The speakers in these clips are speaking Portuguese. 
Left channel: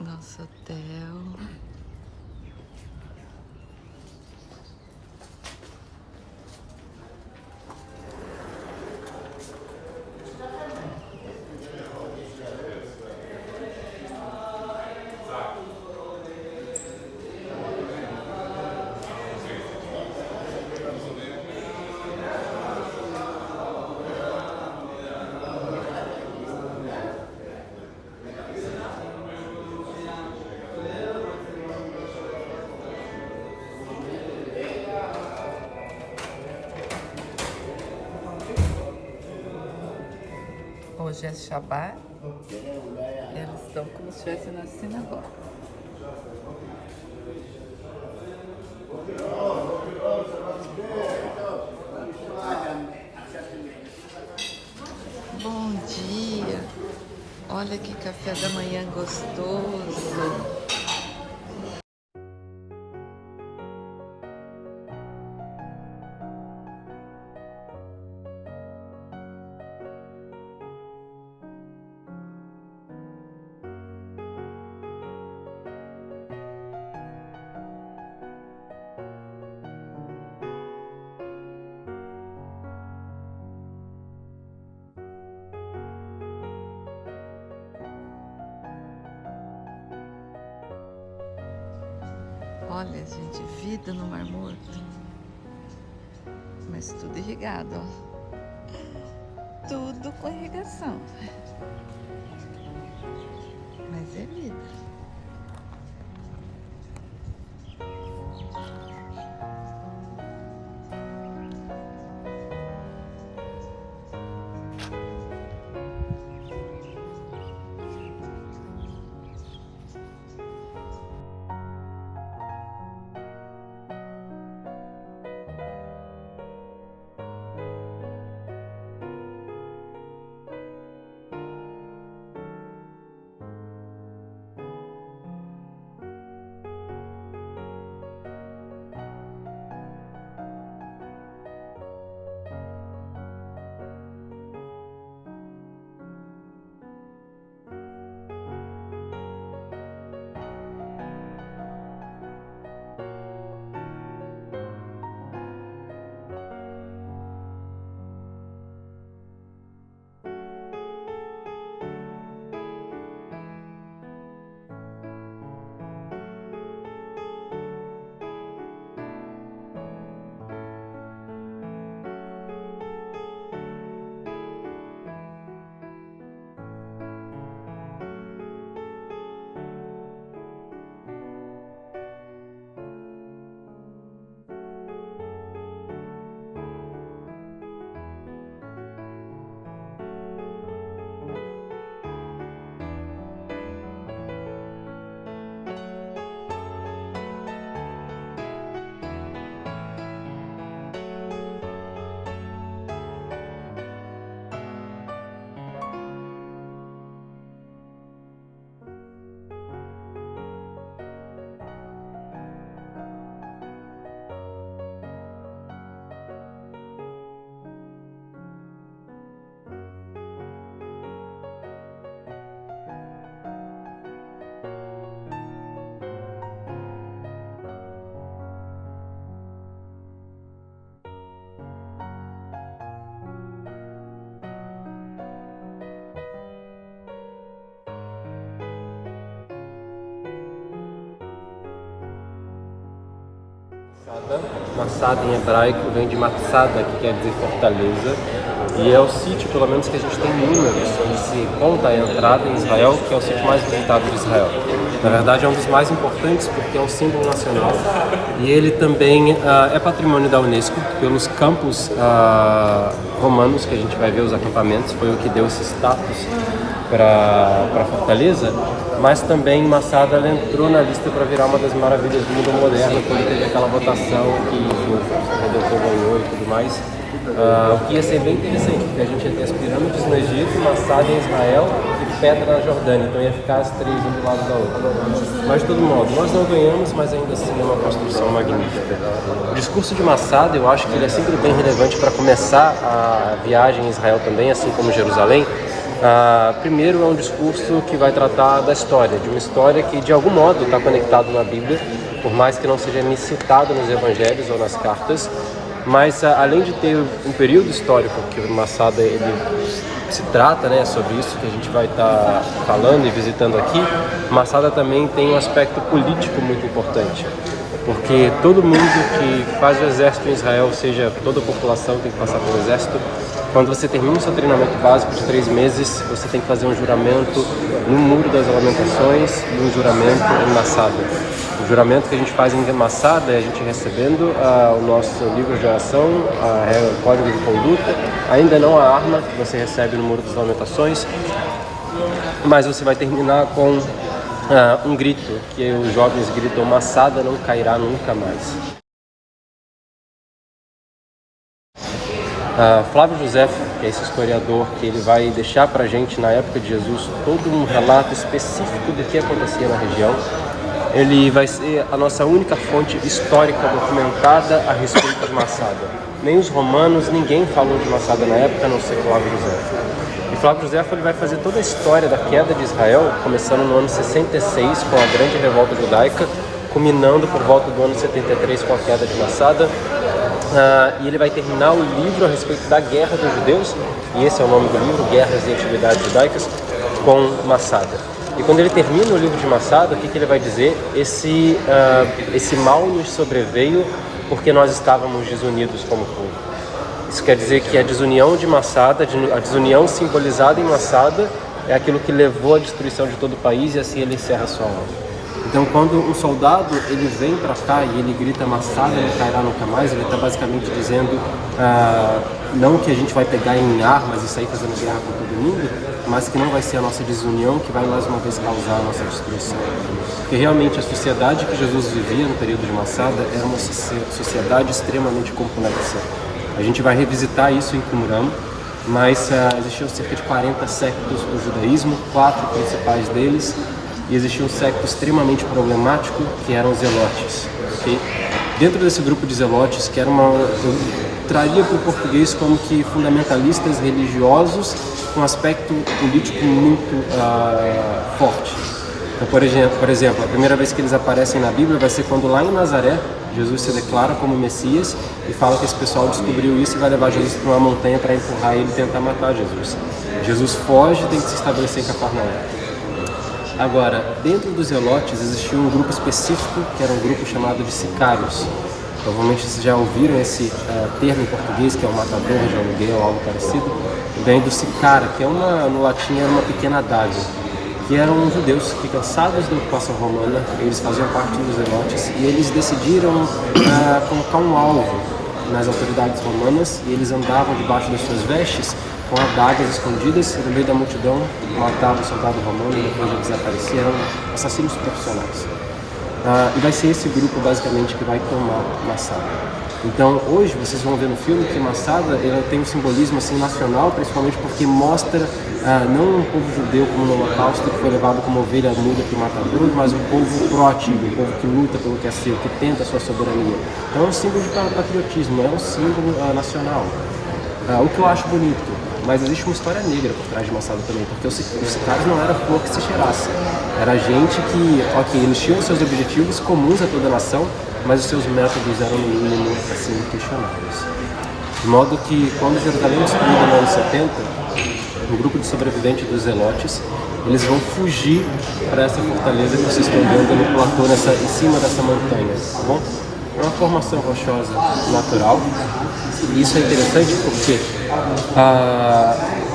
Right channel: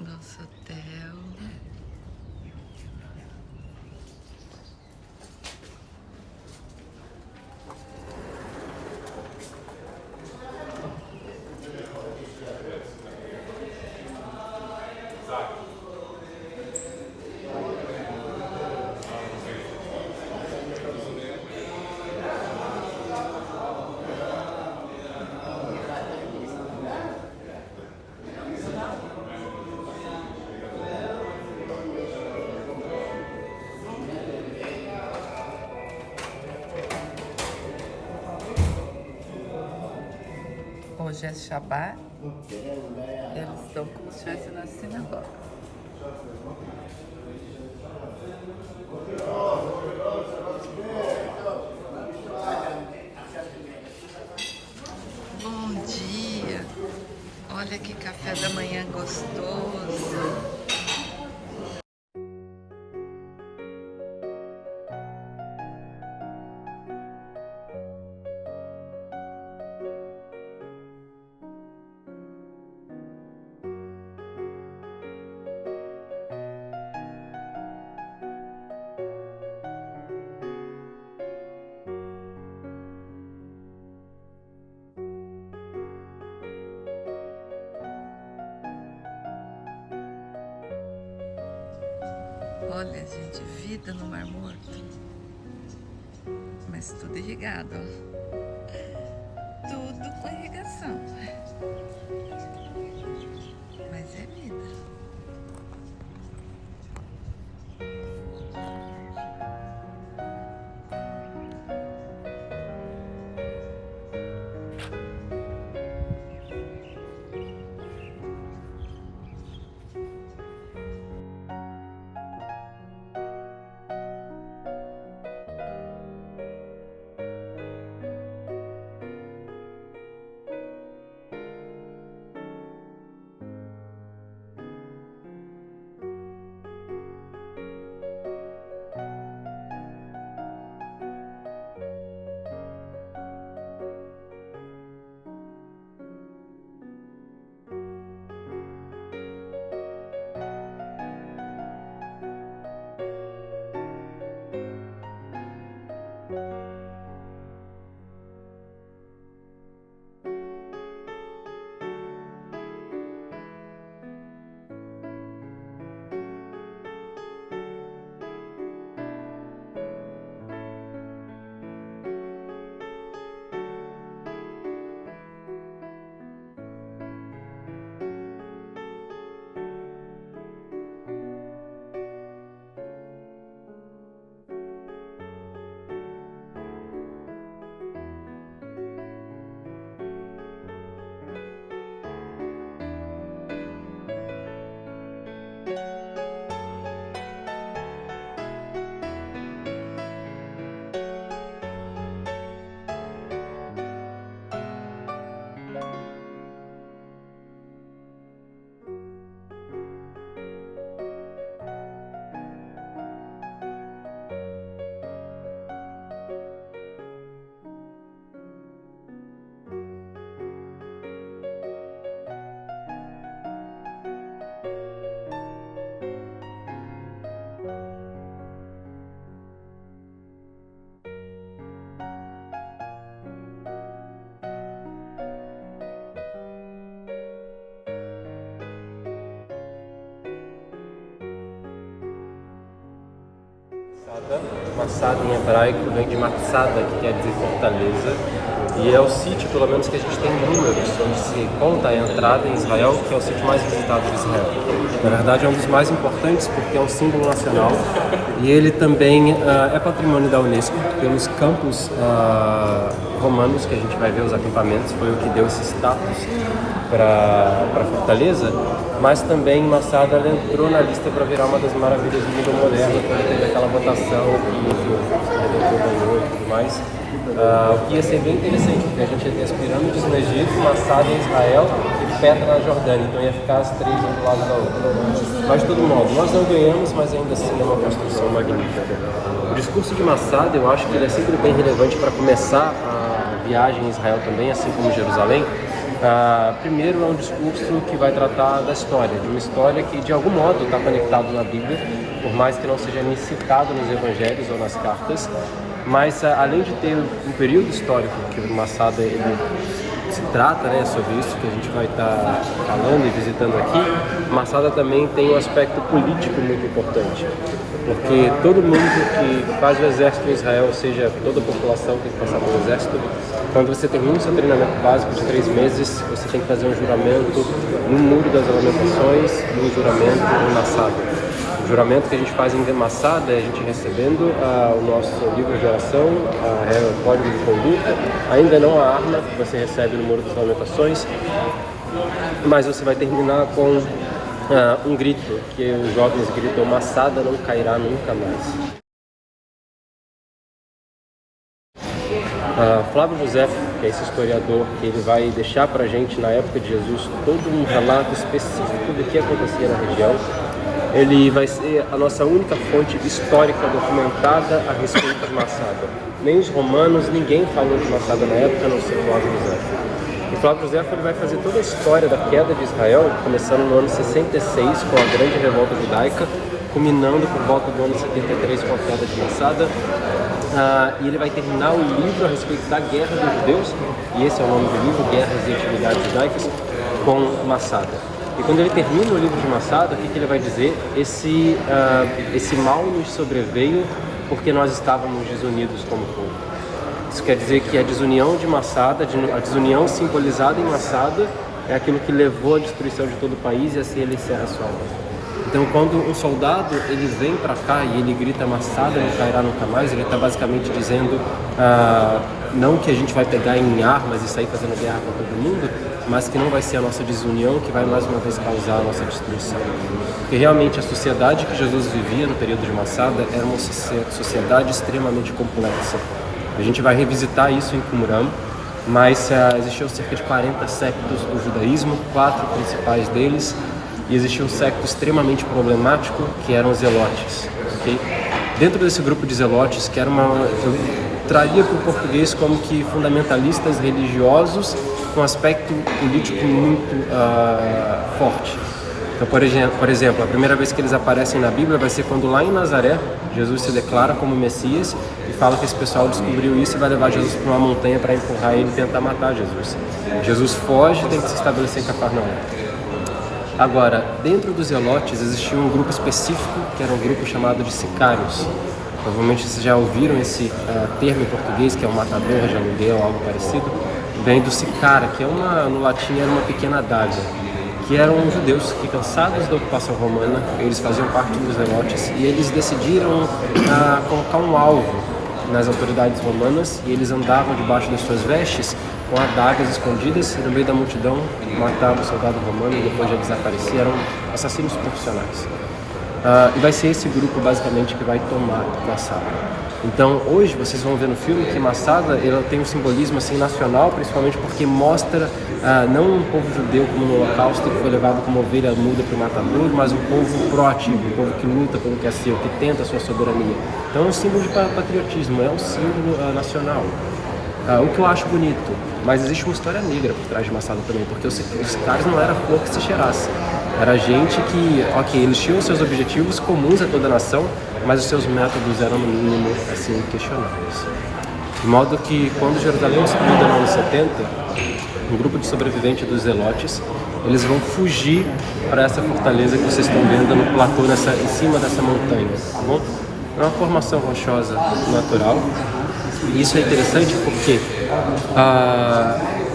Nosso hotel. Hoje é Shabbat, eles estão como se estivessem na sinagoga. Bom dia! Olha que café da manhã gostoso! Olha, gente, vida no Mar Morto. Mas tudo irrigado, ó. Tudo com irrigação. Mas é vida. Massada em hebraico vem de Matsada, que quer dizer fortaleza, e é o sítio, pelo menos, que a gente tem números, que se conta a entrada em Israel, que é o sítio mais visitado de Israel. Na verdade, é um dos mais importantes porque é um símbolo nacional e ele também é patrimônio da Unesco pelos campos romanos que a gente vai ver os acampamentos, foi o que deu esse status para a fortaleza, mas também Massada ela entrou na lista para virar uma das maravilhas do mundo moderno, quando teve aquela votação que ganhou e tudo mais. Ia ser bem interessante, porque a gente ia ter as pirâmides no Egito, Massada em Israel e Petra na Jordânia, então ia ficar as três um do lado da outra. Mas de todo modo, nós não ganhamos, mas ainda assim é uma construção magnífica. O discurso de Massada, eu acho que ele é sempre bem relevante para começar a viagem em Israel também, assim como Jerusalém, Primeiro é um discurso que vai tratar da história, de uma história que de algum modo está conectada na Bíblia, por mais que não seja nem citado nos evangelhos ou nas cartas, mas além de ter um período histórico que o Masada ele se trata, né, sobre isso que a gente vai estar falando e visitando aqui, Masada também tem um aspecto político muito importante, porque todo mundo que faz o exército em Israel, ou seja, toda a população tem que passar pelo exército. Quando você termina o seu treinamento básico de 3 meses, você tem que fazer um juramento no Muro das Lamentações e um juramento em Masada. O juramento que a gente faz em Masada é a gente recebendo o nosso livro de oração, o código de conduta, ainda não a arma que você recebe no Muro das Lamentações, mas você vai terminar com um grito, que os jovens gritam: Masada não cairá nunca mais. Flávio José, que é esse historiador, ele vai deixar para a gente, na época de Jesus, todo um relato específico do que acontecia na região. Ele vai ser a nossa única fonte histórica documentada a respeito de Masada. Nem os romanos, ninguém falou de Masada na época, a não ser Flávio José. E Flávio José ele vai fazer toda a história da queda de Israel, começando no ano 66, com a grande revolta judaica, culminando por volta do ano 73 com a queda de Masada. E ele vai terminar o livro a respeito da Guerra dos Judeus, e esse é o nome do livro, Guerras e Atividades Judaicas, com Masada. E quando ele termina o livro de Masada, o que ele vai dizer? Esse mal nos sobreveio porque nós estávamos desunidos como povo. Isso quer dizer que a desunião de Masada, a desunião simbolizada em Masada, é aquilo que levou à destruição de todo o país, e assim ele encerra a sua obra. Então, quando um soldado ele vem para cá e ele grita Masada não cairá nunca mais, ele está basicamente dizendo não que a gente vai pegar em armas e sair fazendo guerra com todo mundo, mas que não vai ser a nossa desunião que vai mais uma vez causar a nossa destruição. Porque realmente a sociedade que Jesus vivia no período de Masada era uma sociedade extremamente complexa. A gente vai revisitar isso em Qumran, mas existiam cerca de 40 sectos do judaísmo, 4 principais deles, e existia um secto extremamente problemático, que eram os zelotes. Okay? Dentro desse grupo de zelotes, que era eu traria para o português como que fundamentalistas religiosos com aspecto político muito forte. Então, por exemplo, a primeira vez que eles aparecem na Bíblia vai ser quando lá em Nazaré, Jesus se declara como Messias e fala que esse pessoal descobriu isso e vai levar Jesus para uma montanha para empurrar ele e tentar matar Jesus. Jesus foge e tem que se estabelecer em Cafarnaum. Agora, dentro dos zelotes existia um grupo específico, que era um grupo chamado de sicários. Provavelmente vocês já ouviram esse termo em português, que é um matador de aluguel ou algo parecido. Vem do sicara, que no latim era uma pequena adaga, que eram judeus que, cansados da ocupação romana, eles faziam parte dos zelotes e eles decidiram colocar um alvo nas autoridades romanas, e eles andavam debaixo das suas vestes com adagas escondidas, e no meio da multidão matavam o soldado romano e depois já desapareciam. Eram assassinos profissionais. E vai ser esse grupo basicamente que vai tomar Masada. Então hoje vocês vão ver no filme que Masada ela tem um simbolismo assim nacional, principalmente porque mostra não um povo judeu como no Holocausto, que foi levado como ovelha muda para o matador, mas um povo proativo, um povo que luta pelo que é seu, que tenta a sua soberania. Então é um símbolo de patriotismo, é um símbolo nacional. O que eu acho bonito, mas existe uma história negra por trás de Masada também, porque os sicários não era flor que se cheirasse. Era gente que, eles tinham seus objetivos comuns a toda a nação, mas os seus métodos eram, no mínimo, assim, questionáveis. De modo que, quando Jerusalém é destruída no ano 70, um grupo de sobreviventes dos zelotes, eles vão fugir para essa fortaleza que vocês estão vendo no platô, em cima dessa montanha, tá bom? É uma formação rochosa natural, e isso é interessante porque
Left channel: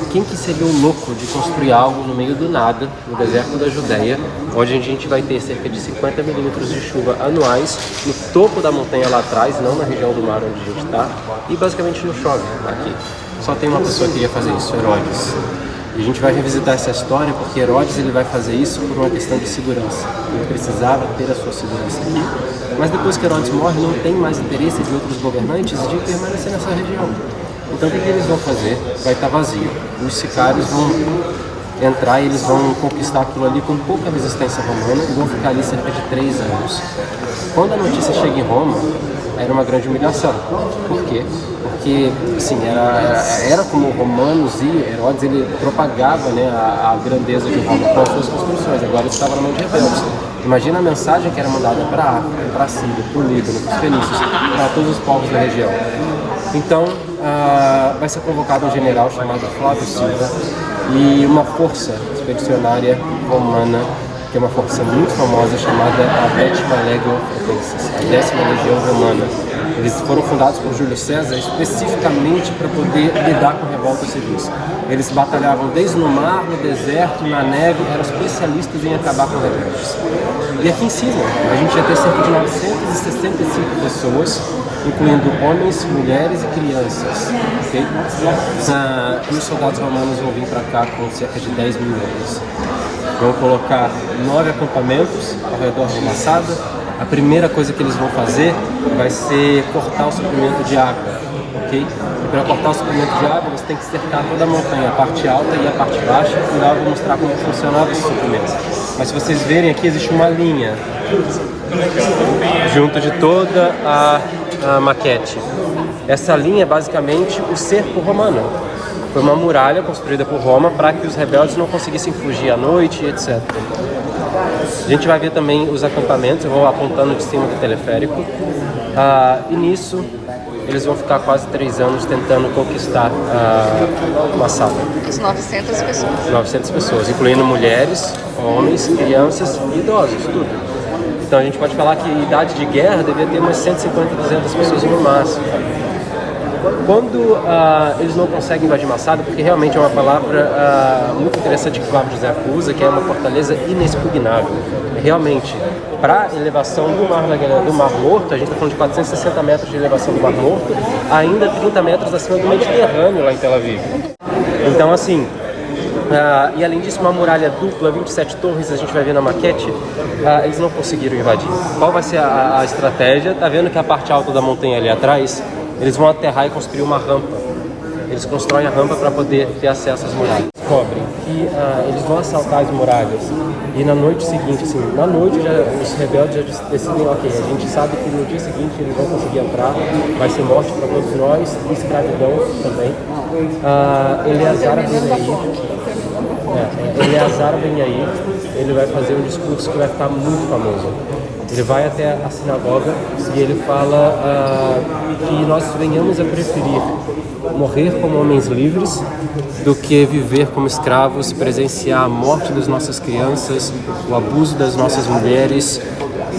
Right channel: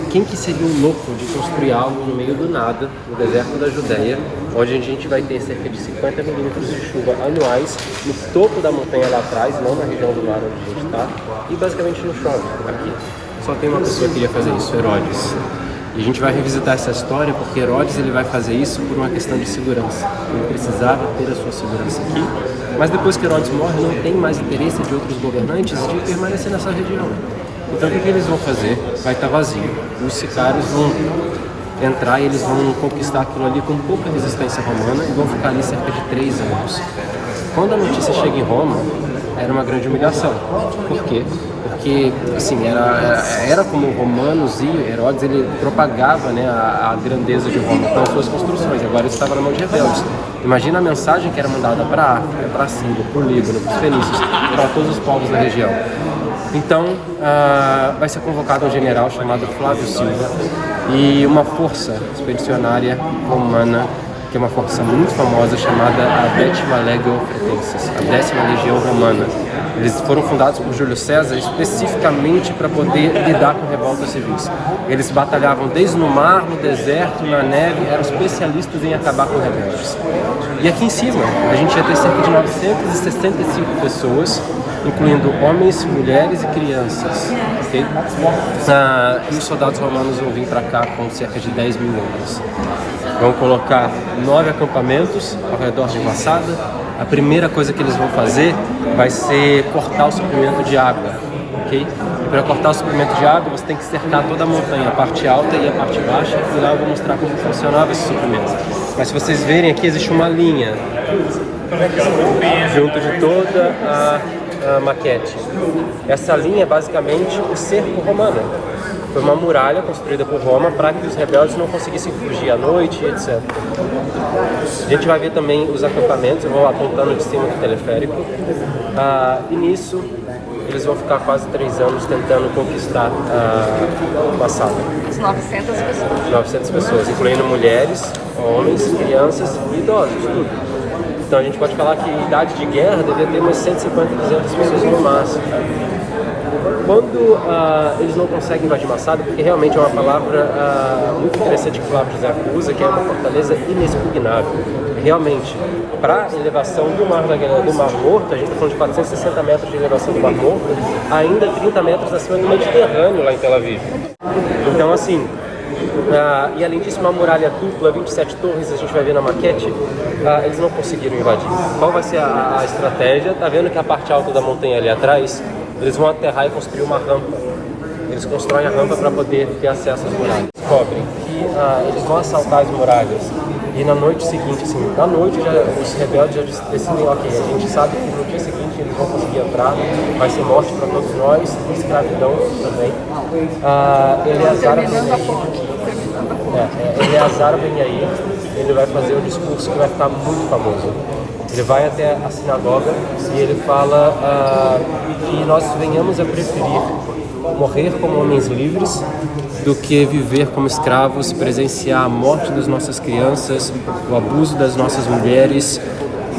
quem que seria o louco de construir algo no meio do nada, no deserto da Judéia, onde a gente vai ter cerca de 50 milímetros de chuva anuais, no topo da montanha lá atrás, não na região do mar onde a gente está, e basicamente não chove aqui. Só tem uma pessoa que ia fazer isso, Herodes. E a gente vai revisitar essa história porque Herodes ele vai fazer isso por uma questão de segurança. Ele precisava ter a sua segurança aqui, mas depois que Herodes morre, não tem mais interesse de outros governantes de permanecer nessa região. Então o que eles vão fazer? Vai estar vazio. Os sicários vão entrar e eles vão conquistar aquilo ali com pouca resistência romana e vão ficar ali cerca de 3 anos. Quando a notícia chega em Roma, era uma grande humilhação. Por quê? Porque, assim, era como Romanos e Herodes, ele propagava, né, a grandeza de Roma com as suas construções. Agora isso estava na mão de rebeldes. Imagina a mensagem que era mandada para a África, para a Síria, para o Líbano, para os fenícios, para todos os povos da região. Então, vai ser convocado um general chamado Flávio Silva e uma força expedicionária romana, que é uma força muito famosa, chamada a 10ª Legio Fretensis, a 10ª Legião Romana. Eles foram fundados por Júlio César especificamente para poder lidar com revoltas civis. Eles batalhavam desde no mar, no deserto, na neve, eram especialistas em acabar com rebeldes. E aqui em cima, a gente ia ter cerca de 965 pessoas, incluindo homens, mulheres e crianças. Okay? E os soldados romanos vão vir para cá com cerca de 10 mil homens. Vão colocar 9 acampamentos ao redor de Massada. A primeira coisa que eles vão fazer vai ser cortar o suprimento de água, ok? E para cortar o suprimento de água, você tem que cercar toda a montanha, a parte alta e a parte baixa, e lá eu vou mostrar como funcionava esse suprimento. Mas se vocês verem aqui, existe uma linha junto de toda a maquete. Essa linha é basicamente o cerco romano. Foi uma muralha construída por Roma para que os rebeldes não conseguissem fugir à noite, etc. A gente vai ver também os acampamentos, eu vou apontando de cima do teleférico. E nisso, eles vão ficar quase 3 anos tentando conquistar a sala. As 900 pessoas. 900 pessoas, incluindo mulheres, homens, crianças e idosos. Então a gente pode falar que a idade de guerra devia ter umas 150, 200 pessoas no máximo. Quando eles não conseguem invadir Massada, porque realmente é uma palavra muito interessante que Flávio José usa, que é uma fortaleza inexpugnável. Realmente, para a elevação do Mar Morto, a gente está falando de 460 metros de elevação do Mar Morto, ainda 30 metros acima do Mediterrâneo lá em Tel Aviv. Então, assim, e além disso, uma muralha dupla, 27 torres, a gente vai ver na maquete, eles não conseguiram invadir. Qual vai ser a estratégia? Tá vendo que a parte alta da montanha ali atrás, eles vão aterrar e construir uma rampa. Eles constroem a rampa para poder ter acesso às muralhas. Descobrem que eles vão assaltar as muralhas e na noite seguinte, assim, na noite os rebeldes já decidem, ok, a gente sabe que no dia seguinte eles vão conseguir entrar, vai ser morte para todos nós, escravidão também. Eleazar Ben Yair, ele vai fazer um discurso que vai ficar muito famoso. Ele vai até a sinagoga e ele fala que nós venhamos a preferir morrer como homens livres do que viver como escravos, presenciar a morte das nossas crianças, o abuso das nossas mulheres.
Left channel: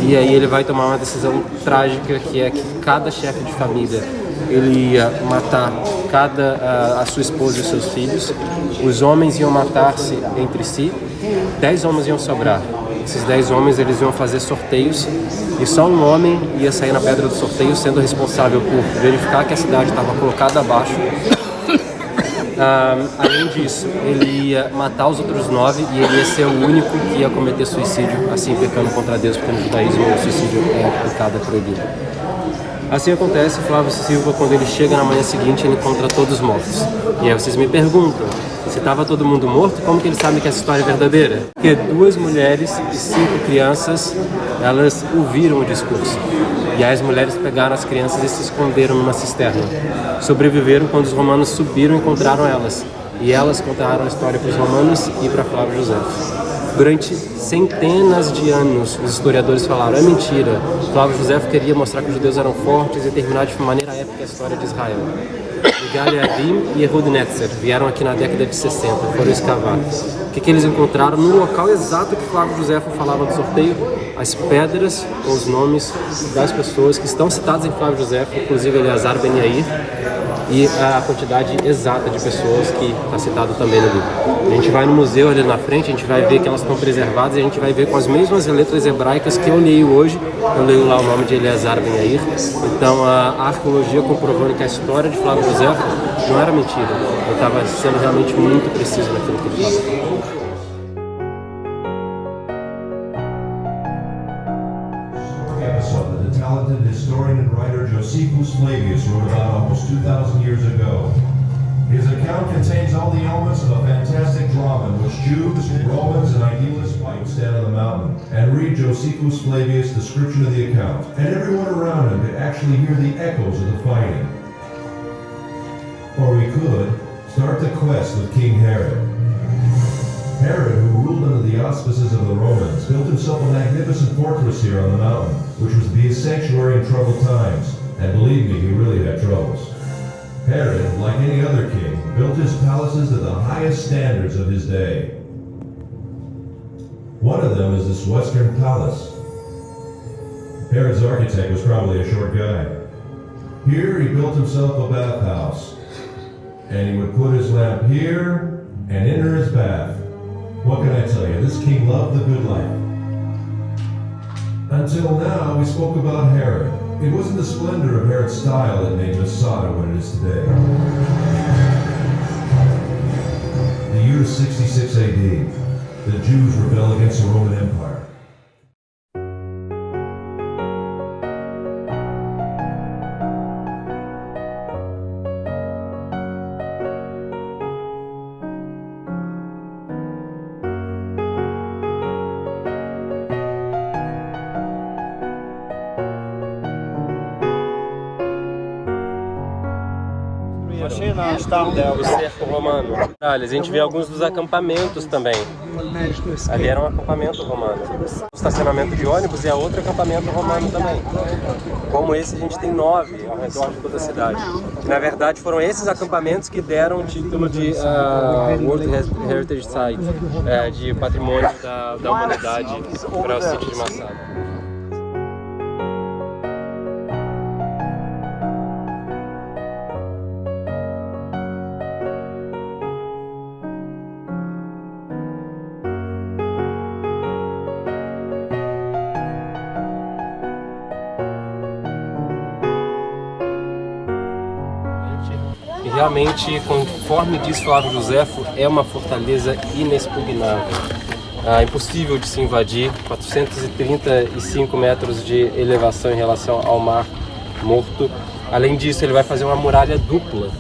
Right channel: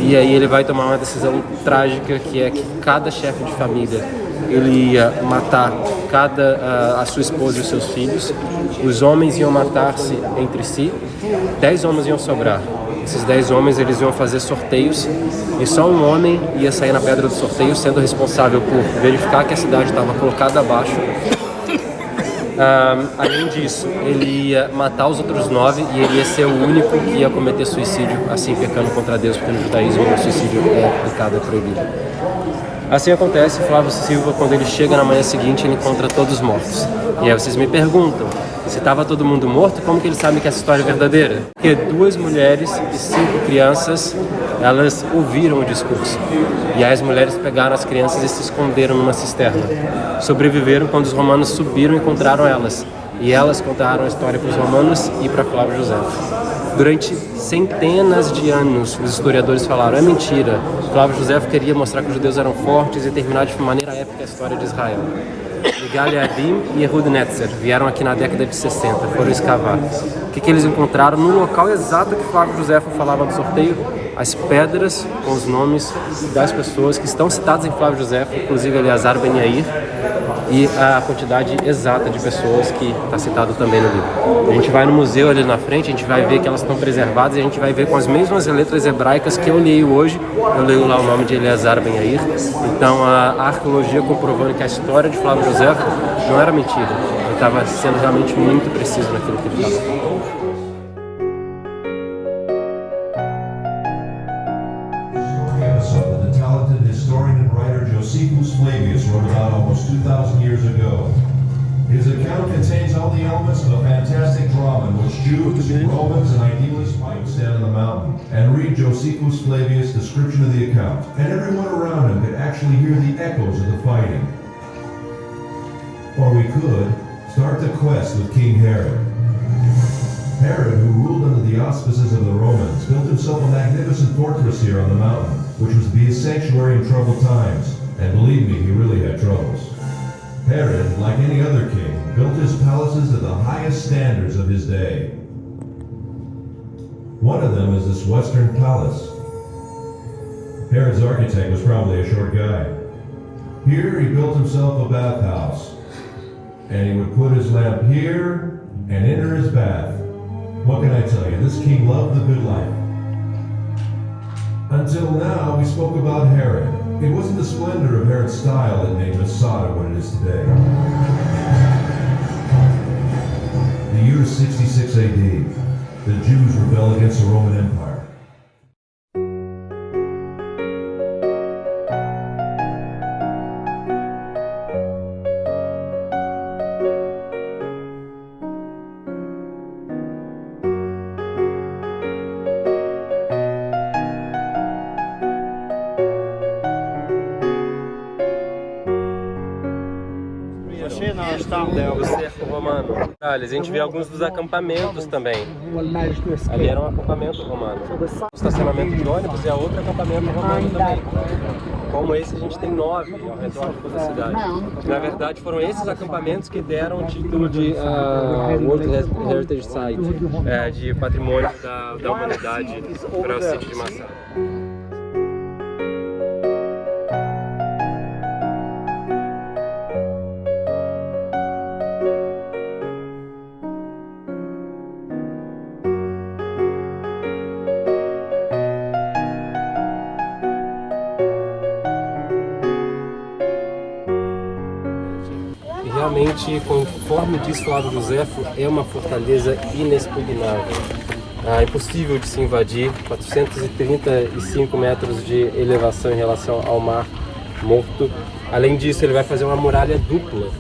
E aí ele vai tomar uma decisão trágica, que é que cada chefe de família ele ia matar a sua esposa e os seus filhos. Os homens iam matar-se entre si, 10 homens iam sobrar. Esses 10 homens eles iam fazer sorteios e só um homem ia sair na pedra do sorteio, sendo responsável por verificar que a cidade estava colocada abaixo. Além disso, ele ia matar os outros 9 e ele ia ser o único que ia cometer suicídio, assim pecando contra Deus, porque no judaísmo o suicídio é pecado, é proibido. Assim acontece, Flávio Silva, quando ele chega na manhã seguinte, ele encontra todos mortos. E aí vocês me perguntam, se estava todo mundo morto, como que ele sabe que essa história é verdadeira? Porque 2 mulheres e 5 crianças, elas ouviram o discurso. E aí as mulheres pegaram as crianças e se esconderam numa cisterna. Sobreviveram quando os romanos subiram e encontraram elas. E elas contaram a história para os romanos e para Flávio José. Durante centenas de anos, os historiadores falaram, é mentira. Flávio José queria mostrar que os judeus eram fortes e terminar de maneira épica a história de Israel. Galeadim e Ehud Netzer vieram aqui na década de 60, foram escavar. O que eles encontraram no local exato que Flávio José falava do sorteio? As pedras com os nomes das pessoas que estão citadas em Flávio José, inclusive Eleazar Ben Yair, e a quantidade exata de pessoas que está citado também no livro. A gente vai no museu ali na frente, a gente vai ver que elas estão preservadas e a gente vai ver com as mesmas letras hebraicas que eu leio hoje. Eu leio lá o nome de Eleazar Ben Yair. Então a arqueologia comprovando que a história de Flávio José não era mentira. Ele estava sendo realmente muito preciso naquilo que ele estava falando. The talented historian and writer Josephus Flavius wrote about almost 2,000 years ago. His account contains all the elements of a fantastic drama in which Jews, Romans, and idealists would stand on the mountain and read Josephus Flavius' description of the account, and everyone around him could actually hear the echoes of the fighting. Or we could start the quest with King Herod. Herod, who ruled under the auspices of the Romans, built himself a magnificent fortress here on the mountain, which was to be his sanctuary in troubled times. And believe me, he really had troubles. Herod, like any other king, built his palaces to the highest standards of his day. One of them is this Western Palace. Herod's architect was probably a short guy. Here he built himself a bathhouse, and he would put his lamp here and enter his bath. What can I tell you? This king loved the good life. Until now, we spoke about Herod. It wasn't the splendor of Herod's style that made Masada what it is today. The year is 66 AD. The Jews rebel against the Roman Empire. O cerco romano. A gente vê alguns dos acampamentos também. Ali era um acampamento romano. O estacionamento de ônibus é outro acampamento romano também. Como esse, a gente tem 9 ao redor de toda a cidade. Na verdade, foram esses acampamentos que deram o título de World Heritage Site, de patrimônio da humanidade para o sítio de Massada. Realmente, conforme diz Flávio Josefo, é uma fortaleza inexpugnável. Impossível de se invadir, 435 metros de elevação em relação ao Mar Morto. Além disso, ele vai fazer uma muralha dupla.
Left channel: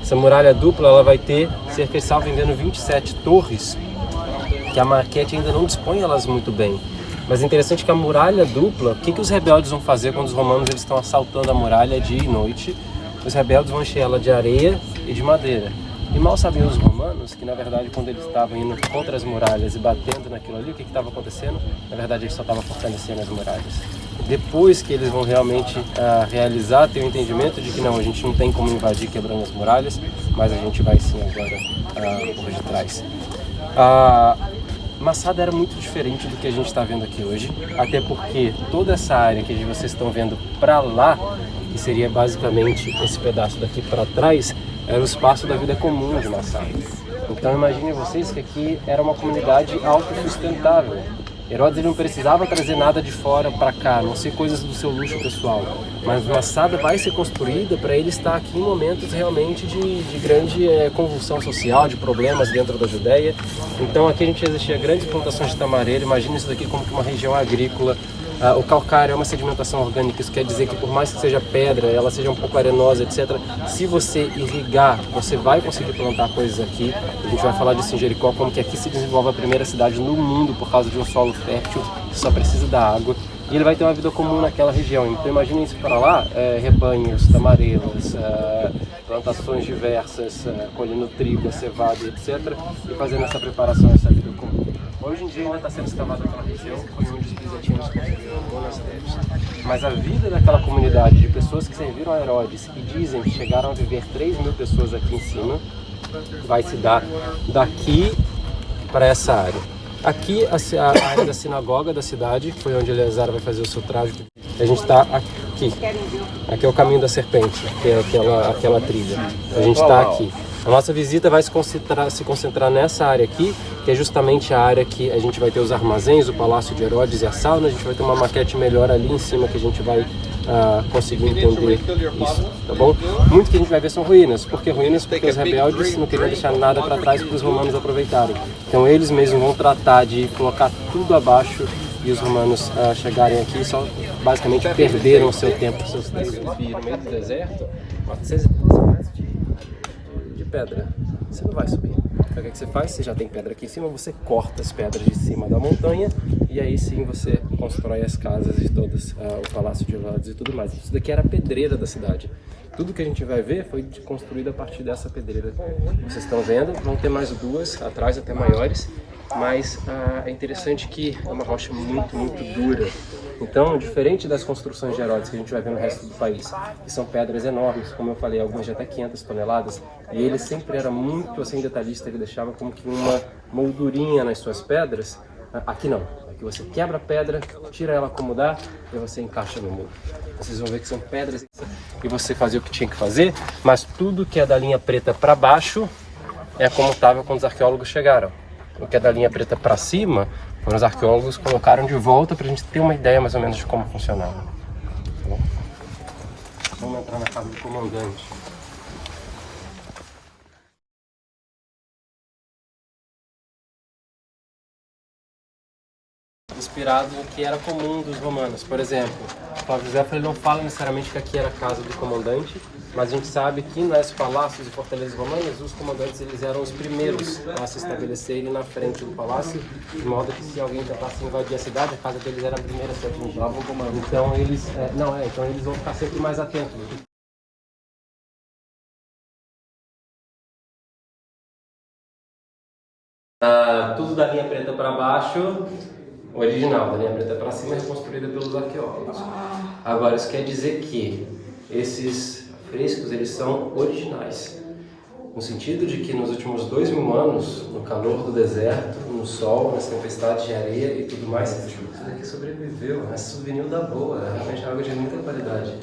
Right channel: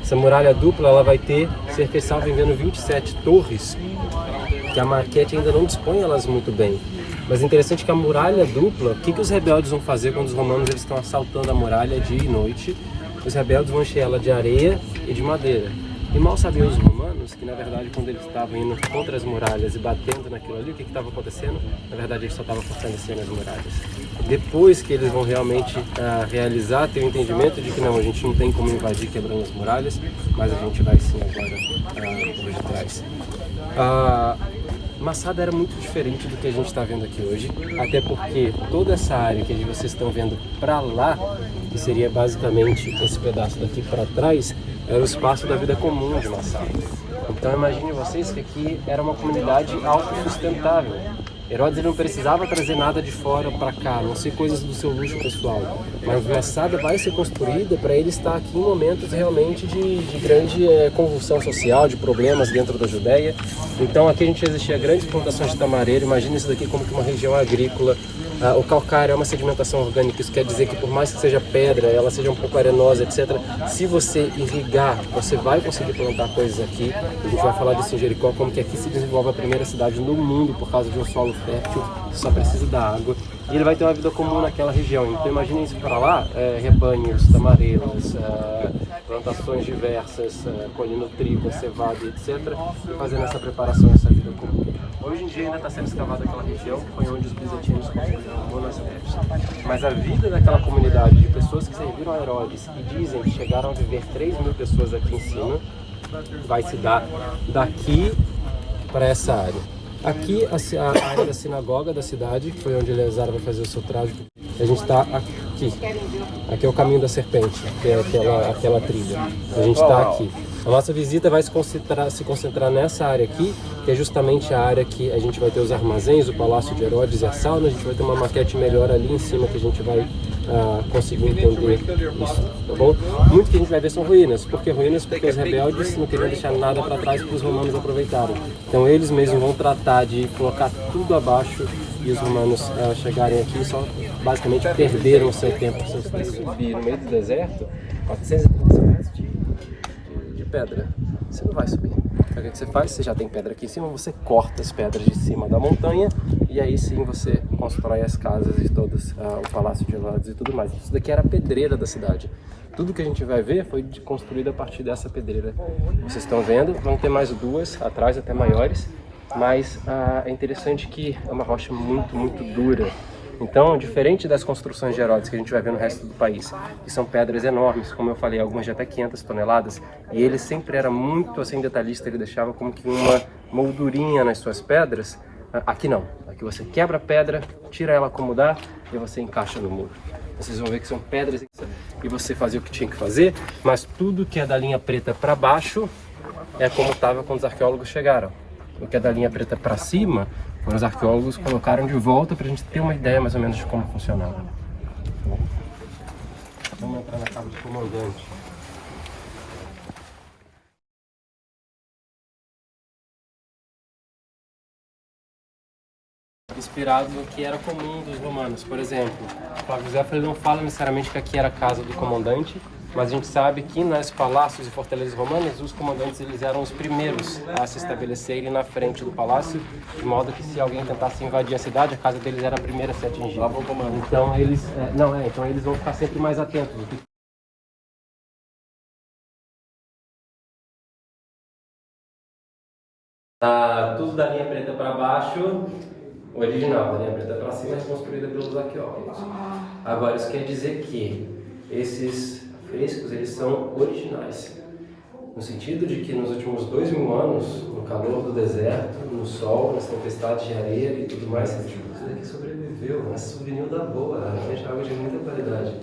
Essa muralha dupla ela vai ter cerca de, salvo engano, 27 torres, que a maquete ainda não dispõe elas muito bem. Mas é interessante que a muralha dupla, o que os rebeldes vão fazer quando os romanos eles estão assaltando a muralha dia e noite? Os rebeldes vão encher ela de areia e de madeira. E mal sabiam os romanos que, na verdade, quando eles estavam indo contra as muralhas e batendo naquilo ali, o que estava acontecendo? Na verdade, eles só estavam fortalecendo as muralhas. Depois que eles vão realmente realizar, ter o entendimento de que não, a gente não tem como invadir quebrando as muralhas, mas a gente vai sim agora por de trás. Massada era muito diferente do que a gente está vendo aqui hoje, até porque toda essa área que vocês estão vendo para lá, que seria basicamente esse pedaço daqui para trás, era o espaço da vida comum de Massada. Então imaginem vocês que aqui era uma comunidade autossustentável. Herodes ele não precisava trazer nada de fora para cá, a não ser coisas do seu luxo pessoal. Mas Massada vai ser construída para ele estar aqui em momentos realmente de grande convulsão social, de problemas dentro da Judéia. Então aqui a gente existia grandes plantações de tamareiro. Imagina isso daqui como que uma região agrícola. O calcário é uma sedimentação orgânica, isso quer dizer que por mais que seja pedra, ela seja um pouco arenosa, etc. Se você irrigar, você vai conseguir plantar coisas aqui. A gente vai falar disso em Jericó, como que aqui se desenvolve a primeira cidade no mundo por causa de um solo fértil, que só precisa da água. E ele vai ter uma vida comum naquela região. Então imaginem isso para lá, rebanhos, tamareiros, plantações diversas, colhendo trigo, cevada, etc. E fazendo essa preparação, essa vida comum. Hoje em dia ainda está sendo escavada aquela região que foi onde os bizantinos construíram monastérios. Mas a vida daquela comunidade de pessoas que serviram a Herodes e dizem que chegaram a viver 3.000 pessoas aqui em cima, vai se dar daqui para essa área. Aqui a área da sinagoga da cidade, foi onde Eleazar vai fazer o seu traje. A gente está aqui. Aqui é o caminho da serpente, que é aquela trilha. A gente está aqui. A nossa visita vai se concentrar nessa área aqui, que é justamente a área que a gente vai ter os armazéns, o Palácio de Herodes e a sauna. A gente vai ter uma maquete melhor ali em cima que a gente vai conseguir entender isso, tá bom? Muito que a gente vai ver são ruínas. Por que ruínas? Porque os rebeldes não queriam deixar nada para trás para os romanos aproveitarem. Então eles mesmos vão tratar de colocar tudo abaixo e os romanos chegarem aqui e só basicamente perderam o seu tempo, seus deuses. No meio do deserto, 430 metros de pedra, você não vai subir. Então, o que você faz? Você já tem pedra aqui em cima, você corta as pedras de cima da montanha e aí sim você constrói as casas e todas, o Palácio de Herodes e tudo mais. Isso daqui era a pedreira da cidade. Tudo que a gente vai ver foi construído a partir dessa pedreira. Vocês estão vendo, vão ter mais duas atrás, até maiores, mas é interessante que é uma rocha muito, muito dura. Então, diferente das construções de Herodes que a gente vai ver no resto do país, que são pedras enormes, como eu falei, algumas de até 500 toneladas, e ele sempre era muito assim detalhista, ele deixava como que uma moldurinha nas suas pedras. Aqui não, aqui você quebra a pedra, tira ela como dá e você encaixa no muro. Vocês vão ver que são pedras e você fazia o que tinha que fazer, mas tudo que é da linha preta para baixo é como estava quando os arqueólogos chegaram. O que é da linha preta para cima, quando os arqueólogos colocaram de volta para a gente ter uma ideia mais ou menos de como funcionava. Vamos entrar na casa do comandante. Inspirado no que era comum dos romanos. Por exemplo, Flávio José ele não fala necessariamente que aqui era a casa do comandante, mas a gente sabe que nos palácios e fortalezas romanas, os comandantes eles eram os primeiros a se estabelecerem na frente do palácio, de modo que se alguém tentasse invadir a cidade, a casa deles era a primeira a ser atingida. Então eles, então eles vão ficar sempre mais atentos. Tudo da linha preta para baixo, o original, da linha preta para cima é reconstruída pelos arqueólogos. Agora, isso quer dizer que esses frescos eles são originais, no sentido de que nos últimos 2000 anos, no calor do deserto, no sol, nas tempestades de areia e tudo mais, tudo aqui sobreviveu, é souvenir da boa, realmente é algo de muita qualidade.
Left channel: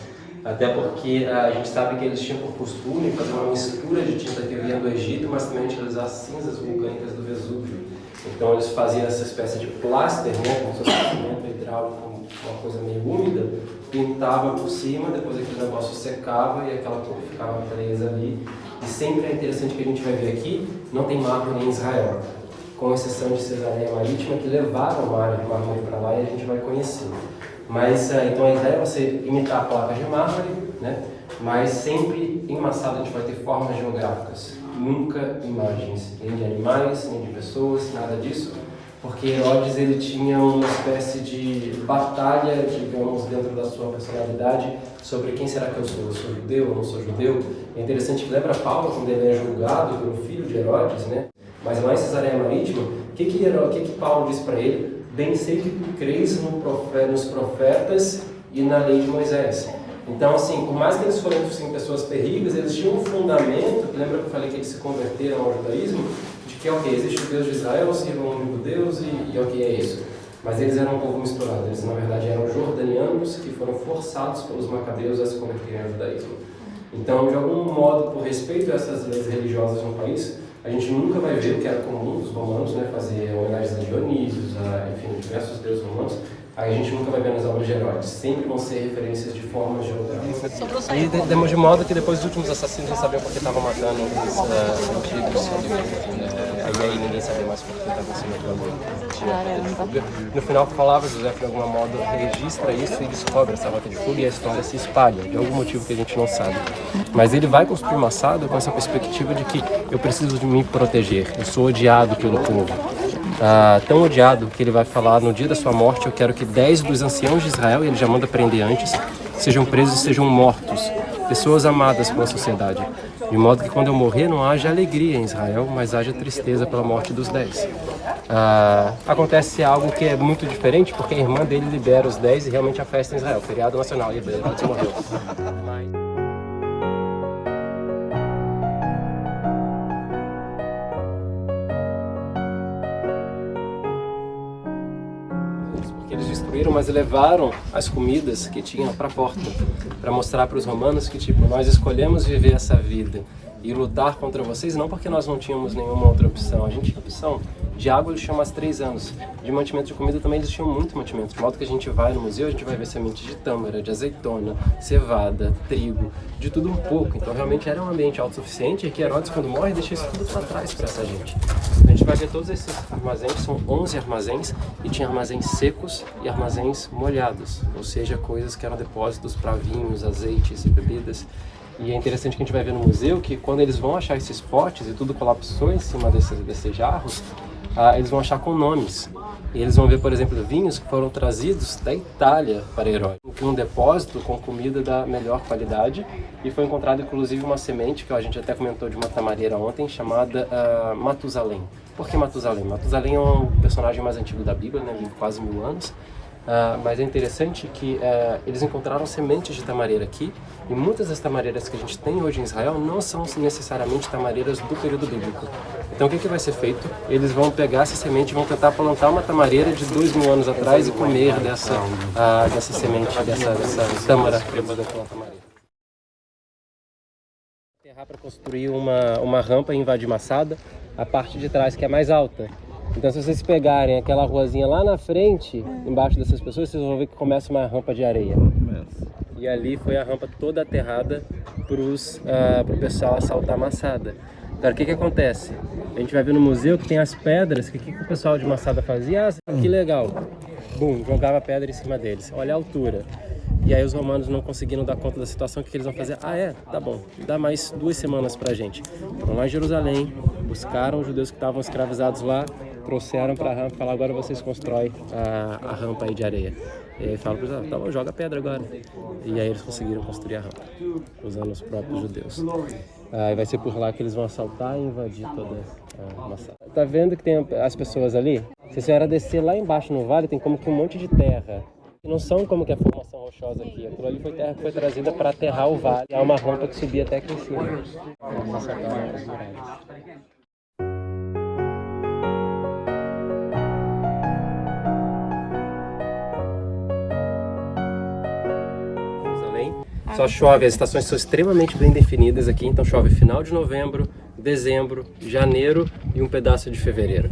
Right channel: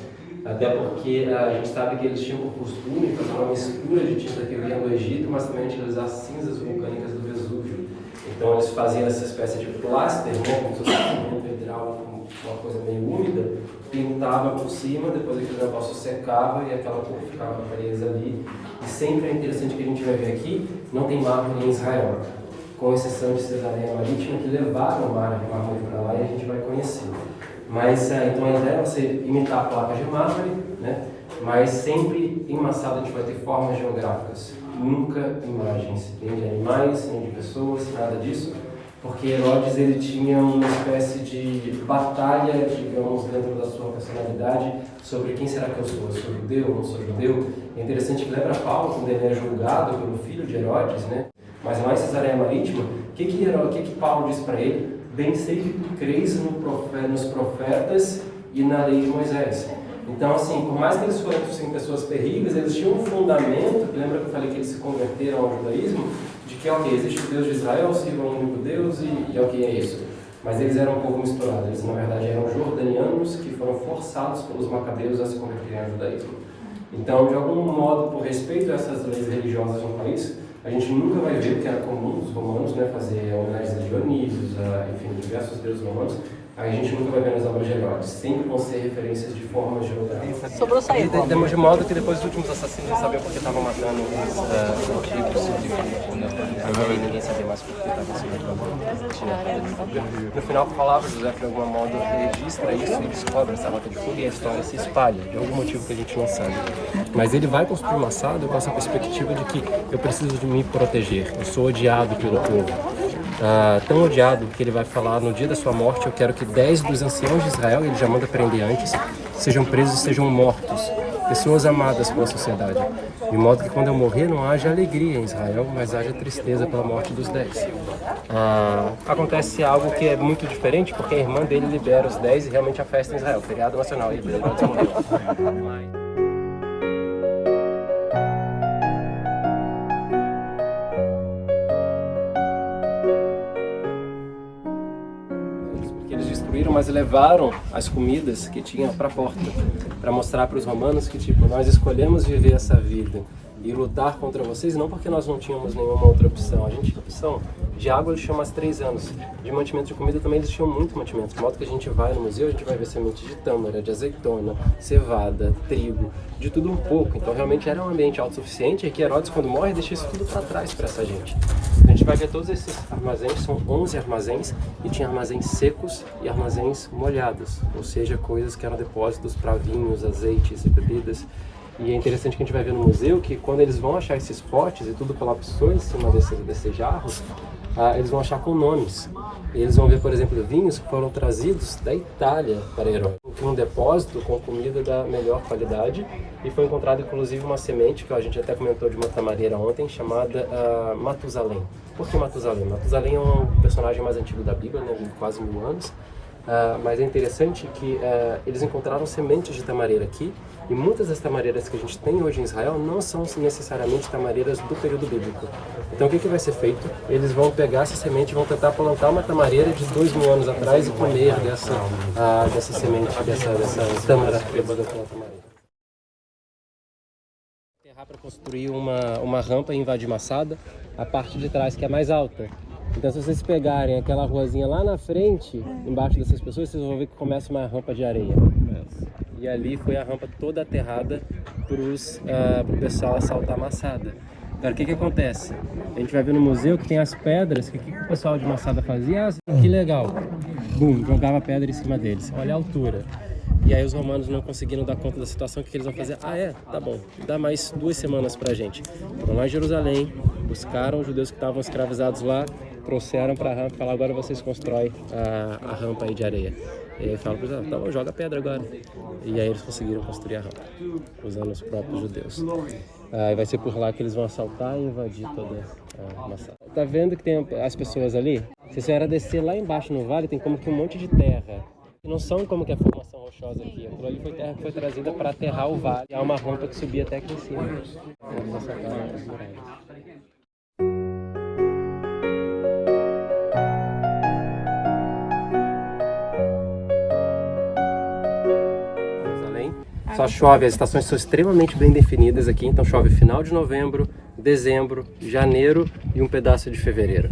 Até porque a gente sabe que eles tinham por costume fazer uma mistura de tinta que vinha do Egito, mas também utilizar cinzas vulcânicas do Vesúvio. Então eles faziam essa espécie de pláster, como se fosse um pedral, uma coisa meio úmida, pintava por cima, depois aquele negócio secava e aquela cor ficava presa ali. E sempre é interessante que a gente vai ver aqui, não tem mármore em Israel, com exceção de Cesareia Marítima, que levaram o mármore para lá e a gente vai conhecer. Mas então a ideia é você imitar placas de mármore, né? Mas sempre em uma sala a gente vai ter formas geográficas, nunca imagens, nem de animais, nem de pessoas, nada disso, porque Herodes ele tinha uma espécie de batalha, digamos, dentro da sua personalidade sobre quem será que eu sou judeu ou não sou judeu. É interessante que lembra Paulo quando ele é julgado pelo filho de Herodes, né? Mas lá em Cesareia Marítima, o que Paulo diz para ele? Bem sei que tu crês nos profetas e na lei de Moisés. Então, assim, por mais que eles fossem pessoas terríveis, eles tinham um fundamento, lembra que eu falei que eles se converteram ao judaísmo, de que, ok, existe o Deus de Israel, sirva um único Deus e ok, é isso. Mas eles eram um povo misturado, eles na verdade eram jordanianos que foram forçados pelos macabeus a se converterem ao judaísmo. Então, de algum modo, por respeito a essas leis religiosas no país, a gente nunca vai ver que era comum os romanos, né, fazer homenagens a Dionísios, enfim, diversos deuses romanos. Aí a gente nunca vai ver nos obras de Herodes. Sempre vão ser referências de formas geográficas. E temos de modo que depois dos últimos assassinos não sabiam por que estavam matando aí ninguém sabia mais por que estavam se matando. No final da palavra, José, de algum modo, registra isso e descobre essa matéria e a história se espalha, de algum motivo que a gente não sabe. Mas ele vai construir um assado com essa perspectiva de que eu preciso de me proteger, eu sou odiado pelo povo. Tão odiado que ele vai falar no dia da sua morte, eu quero que 10 dos anciãos de Israel, ele já manda prender antes, sejam presos e sejam mortos, pessoas amadas pela sociedade, de modo que quando eu morrer não haja alegria em Israel, mas haja tristeza pela morte dos 10. Acontece algo que é muito diferente, porque a irmã dele libera os 10 e realmente a festa em Israel, feriado nacional, e beleza, pode morrer. Mas levaram as comidas que tinham para a porta, para mostrar para os romanos que, tipo, nós escolhemos viver essa vida e lutar contra vocês, não porque nós não tínhamos nenhuma outra opção. A gente tinha opção de água, eles tinham mais 3 anos. De mantimento de comida também eles tinham muito mantimento. De modo que a gente vai no museu, a gente vai ver semente de tâmara, de azeitona, cevada, trigo, de tudo um pouco. Então realmente era um ambiente autossuficiente e que Herodes, quando morre, deixa isso tudo para trás para essa gente. A gente vai ver todos esses armazéns, são 11 armazéns, e tinha armazéns secos e armazéns molhados, ou seja, coisas que eram depósitos para vinhos, azeites e bebidas. E é interessante que a gente vai ver no museu que quando eles vão achar esses potes e tudo colapsou em cima desses jarros, eles vão achar com nomes. E eles vão ver, por exemplo, vinhos que foram trazidos da Itália para Herói. Um depósito com comida da melhor qualidade, e foi encontrado inclusive uma semente, que a gente até comentou de uma tamareira ontem, chamada Matusalém. Por que Matusalém? Matusalém é um personagem mais antigo da Bíblia, né, vive quase 1000 anos. Mas é interessante que eles encontraram sementes de tamareira aqui, e muitas das tamareiras que a gente tem hoje em Israel não são necessariamente tamareiras do período bíblico. Então o que vai ser feito? Eles vão pegar essa semente e vão tentar plantar uma tamareira de 2000 anos atrás e comer dessa semente, dessa tâmara daquela tamareira. Terrar para construir uma rampa em Vadi Massada, a parte de trás que é mais alta. Então, se vocês pegarem aquela ruazinha lá na frente, embaixo dessas pessoas, vocês vão ver que começa uma rampa de areia. E ali foi a rampa toda aterrada para o pessoal assaltar Massada. Agora, o que acontece? A gente vai ver no museu que tem as pedras, que o pessoal de Massada fazia? Que legal! Bum, jogava pedra em cima deles. Olha a altura. E aí os romanos não conseguiram dar conta da situação, o que eles vão fazer? Tá bom, dá mais 2 semanas pra gente. Foram lá em Jerusalém, buscaram os judeus que estavam escravizados lá, trouxeram para a rampa e falaram: agora vocês constroem a rampa aí de areia. E aí falam para eles: tá bom, joga pedra agora. E aí eles conseguiram construir a rampa, usando os próprios judeus. E vai ser por lá que eles vão assaltar e invadir toda a Massada. Tá vendo que tem as pessoas ali? Se a senhora descer lá embaixo no vale, tem como que um monte de terra. Não são como que a formação rochosa aqui. Aquilo ali foi terra que foi trazida para aterrar o vale. Há uma rampa que subia até aqui em cima. Vamos assaltar as muralhas. Só chove, as estações são extremamente bem definidas aqui, então chove final de novembro, dezembro, janeiro e um pedaço de fevereiro.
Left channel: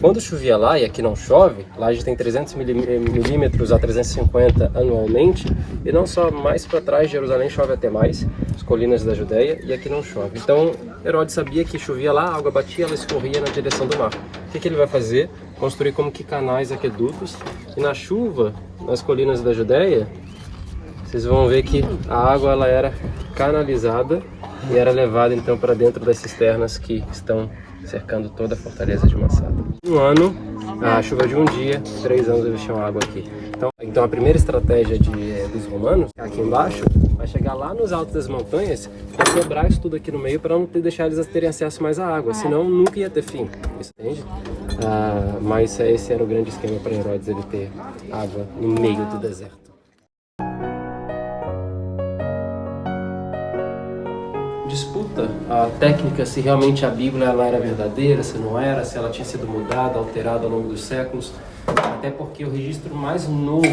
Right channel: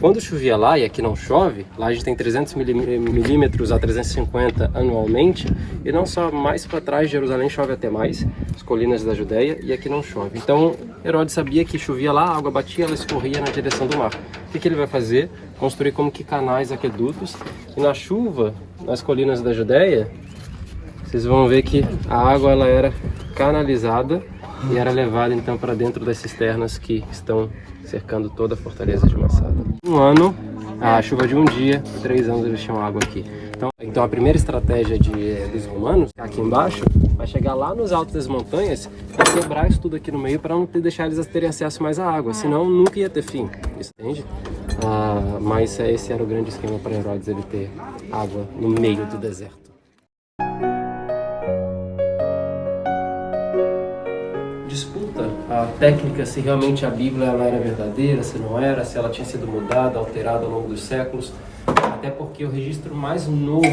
Quando chovia lá, e aqui não chove, lá a gente tem 300 milímetros a 350 anualmente, e não só mais para trás de Jerusalém chove até mais, as colinas da Judéia, e aqui não chove. Então Herodes sabia que chovia lá, a água batia, ela escorria na direção do mar. O que ele vai fazer? Construir como que canais, aquedutos, e na chuva, nas colinas da Judéia, vocês vão ver que a água ela era canalizada e era levada então para dentro das cisternas que estão cercando toda a fortaleza de Massada. Um ano, a chuva de um dia, 3 anos eles tinham água aqui. Então a primeira estratégia dos romanos, aqui embaixo, vai chegar lá nos altos das montanhas e quebrar isso tudo aqui no meio para não deixar eles terem acesso mais à água, senão nunca ia ter fim, entende? Mas esse era o grande esquema para Herodes, ele ter água no meio do deserto. Disputa a técnica, se realmente a Bíblia ela era verdadeira, se não era, se ela tinha sido mudada, alterada ao longo dos séculos, até porque o registro mais novo,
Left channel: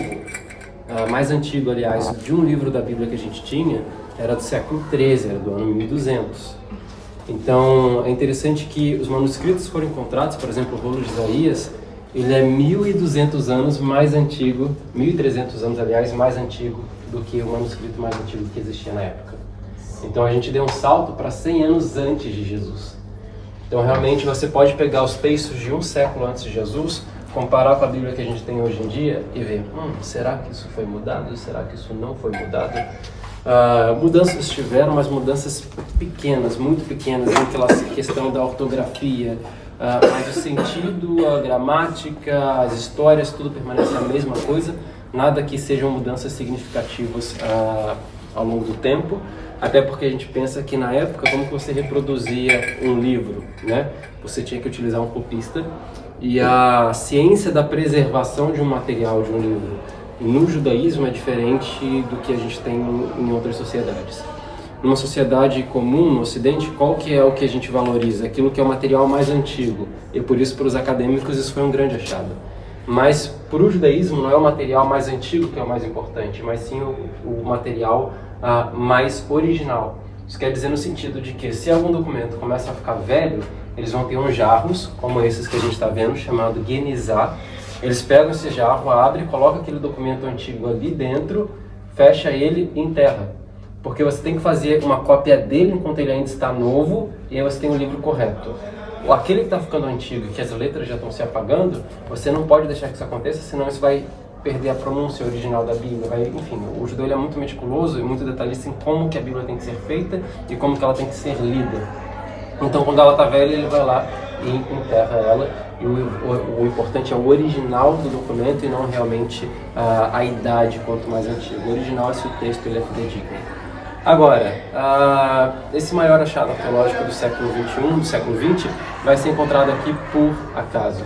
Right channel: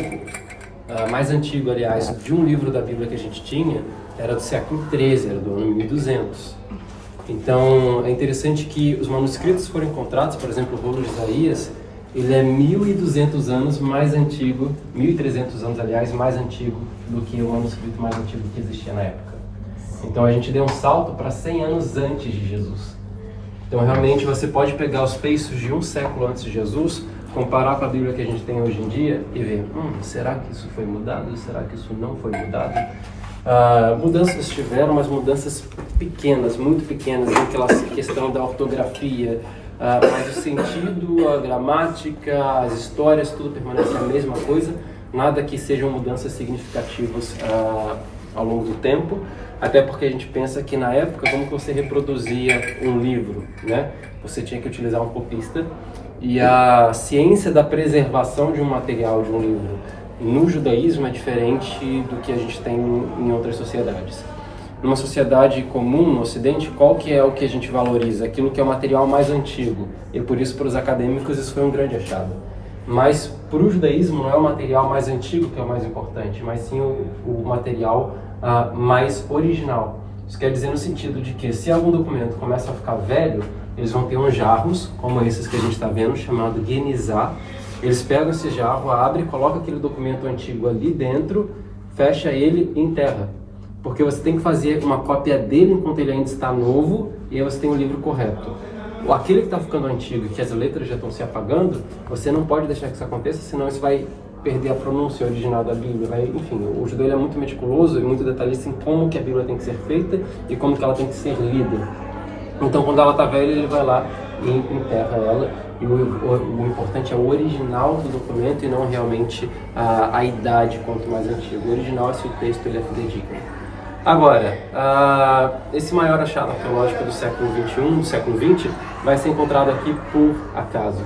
mais antigo, aliás, de um livro da Bíblia que a gente tinha, era do século XIII, era do ano 1200. Então, é interessante que os manuscritos foram encontrados, por exemplo, o rolo de Isaías, ele é 1200 anos mais antigo, 1300 anos, aliás, mais antigo do que o manuscrito mais antigo que existia na época. Então a gente deu um salto para 100 anos antes de Jesus. Então realmente você pode pegar os textos de um século antes de Jesus, comparar com a Bíblia que a gente tem hoje em dia e ver, será que isso foi mudado? Será que isso não foi mudado? Mudanças tiveram, mas mudanças pequenas, muito pequenas, aquela questão da ortografia, mas o sentido, a gramática, as histórias, tudo permanece a mesma coisa, nada que sejam mudanças significativas ao longo do tempo, até porque a gente pensa que na época, como que você reproduzia um livro, né? Você tinha que utilizar um copista, e a ciência da preservação de um material, de um livro, no judaísmo é diferente do que a gente tem em outras sociedades. Numa sociedade comum, no Ocidente, qual que é o que a gente valoriza? Aquilo que é o material mais antigo, e por isso para os acadêmicos isso foi um grande achado. Mas para o judaísmo não é o material mais antigo que é o mais importante, mas sim o material mais original. Isso quer dizer no sentido de que se algum documento começa a ficar velho, eles vão ter uns jarros, como esses que a gente está vendo, chamado Genizá. Eles pegam esse jarro, abrem, colocam aquele documento antigo ali dentro, fecha ele e enterra. Porque você tem que fazer uma cópia dele enquanto ele ainda está novo, e aí você tem o livro correto. Aquele que está ficando antigo, que as letras já estão se apagando, você não pode deixar que isso aconteça, senão isso vai perder a pronúncia original da Bíblia. Enfim, o judeu ele é muito meticuloso e muito detalhista em como que a Bíblia tem que ser feita e como que ela tem que ser lida. Então, quando ela está velha, ele vai lá e enterra ela. E o importante é o original do documento e não realmente a idade, quanto mais antigo. O original é se o texto ele é fidedigno. Agora, esse maior achado arqueológico do século XXI, do século XX, vai ser encontrado aqui por acaso.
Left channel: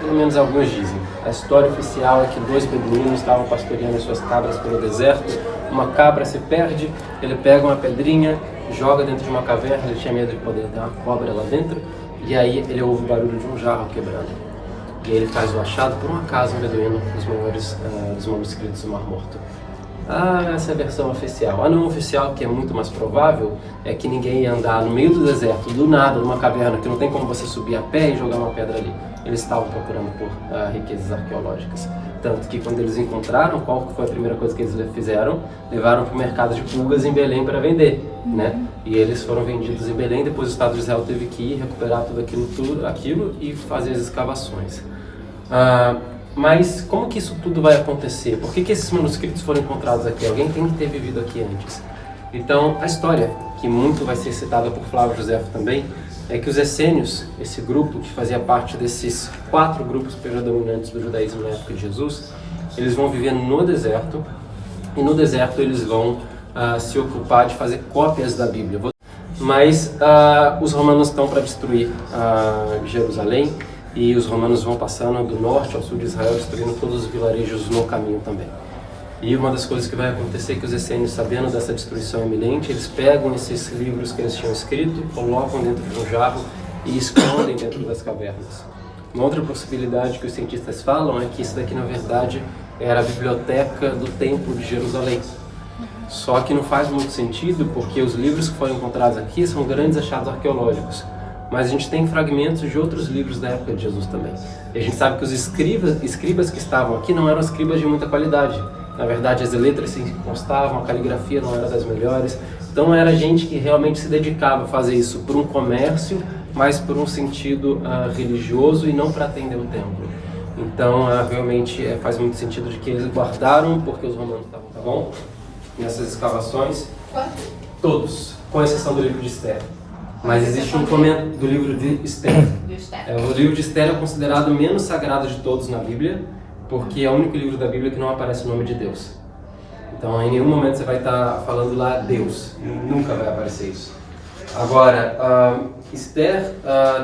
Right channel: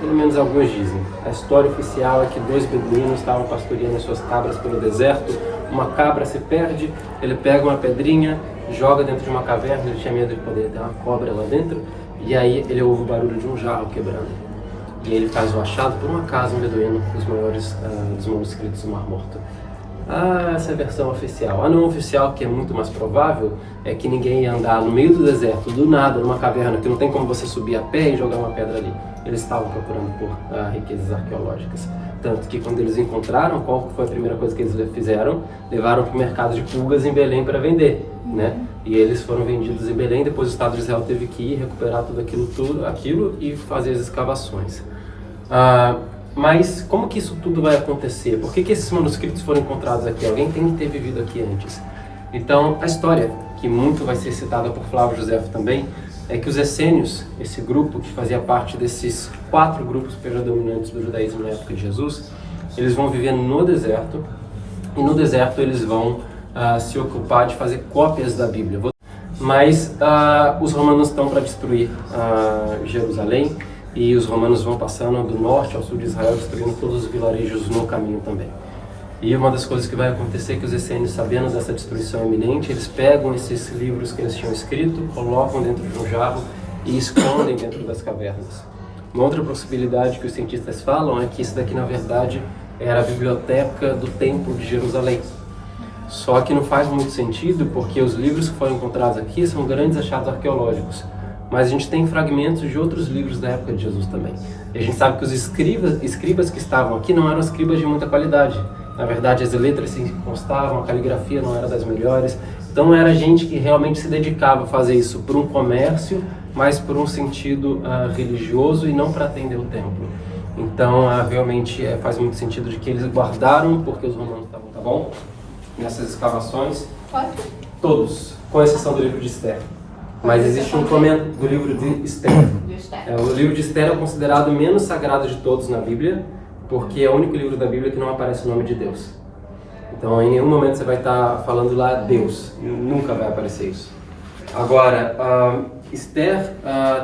Pelo menos alguns dizem. A história oficial é que 2 beduínos estavam pastoreando suas cabras pelo deserto. Uma cabra se perde, ele pega uma pedrinha, joga dentro de uma caverna, ele tinha medo de poder ter uma cobra lá dentro, e aí ele ouve o barulho de um jarro quebrando. E aí ele faz o achado, por um acaso, um beduíno, dos maiores dos manuscritos do Mar Morto. Essa é a versão oficial. A não oficial, que é muito mais provável, é que ninguém ia andar no meio do deserto, do nada, numa caverna, que não tem como você subir a pé e jogar uma pedra ali. Eles estavam procurando por riquezas arqueológicas. Tanto que quando eles encontraram, qual foi a primeira coisa que eles fizeram? Levaram para o mercado de pulgas em Belém para vender, né? E eles foram vendidos em Belém, depois o Estado de Israel teve que ir recuperar tudo aquilo e fazer as escavações. Mas como que isso tudo vai acontecer? Por que esses manuscritos foram encontrados aqui? Alguém tem que ter vivido aqui antes. Então, a história, que muito vai ser citada por Flávio Josefo também, é que os essênios, esse grupo que fazia parte desses 4 grupos predominantes do judaísmo na época de Jesus, eles vão viver no deserto, e no deserto eles vão se ocupar de fazer cópias da Bíblia. Mas os romanos estão para destruir Jerusalém, e os romanos vão passando do norte ao sul de Israel, destruindo todos os vilarejos no caminho também. E uma das coisas que vai acontecer é que os essênios, sabendo dessa destruição iminente, eles pegam esses livros que eles tinham escrito, colocam dentro de um jarro e escondem dentro das cavernas. Uma outra possibilidade que os cientistas falam é que isso daqui, na verdade, era a biblioteca do Templo de Jerusalém. Só que não faz muito sentido, porque os livros que foram encontrados aqui são grandes achados arqueológicos. Mas a gente tem fragmentos de outros livros da época de Jesus também. E a gente sabe que os escribas que estavam aqui não eram escribas de muita qualidade. Na verdade, as letras se constavam, a caligrafia não era das melhores. Então era gente que realmente se dedicava a fazer isso por um comércio, mas por um sentido religioso e não para atender o templo. Então realmente faz muito sentido de que eles guardaram porque os romanos estavam, tá bom? Nessas escavações, todos, com exceção do livro de Esther. Mas existe um comentário do livro de Esther. O livro de Esther é considerado o menos sagrado de todos na Bíblia, porque é o único livro da Bíblia que não aparece o nome de Deus. Então, em nenhum momento você vai estar falando lá Deus. Nunca vai aparecer isso. Agora, Esther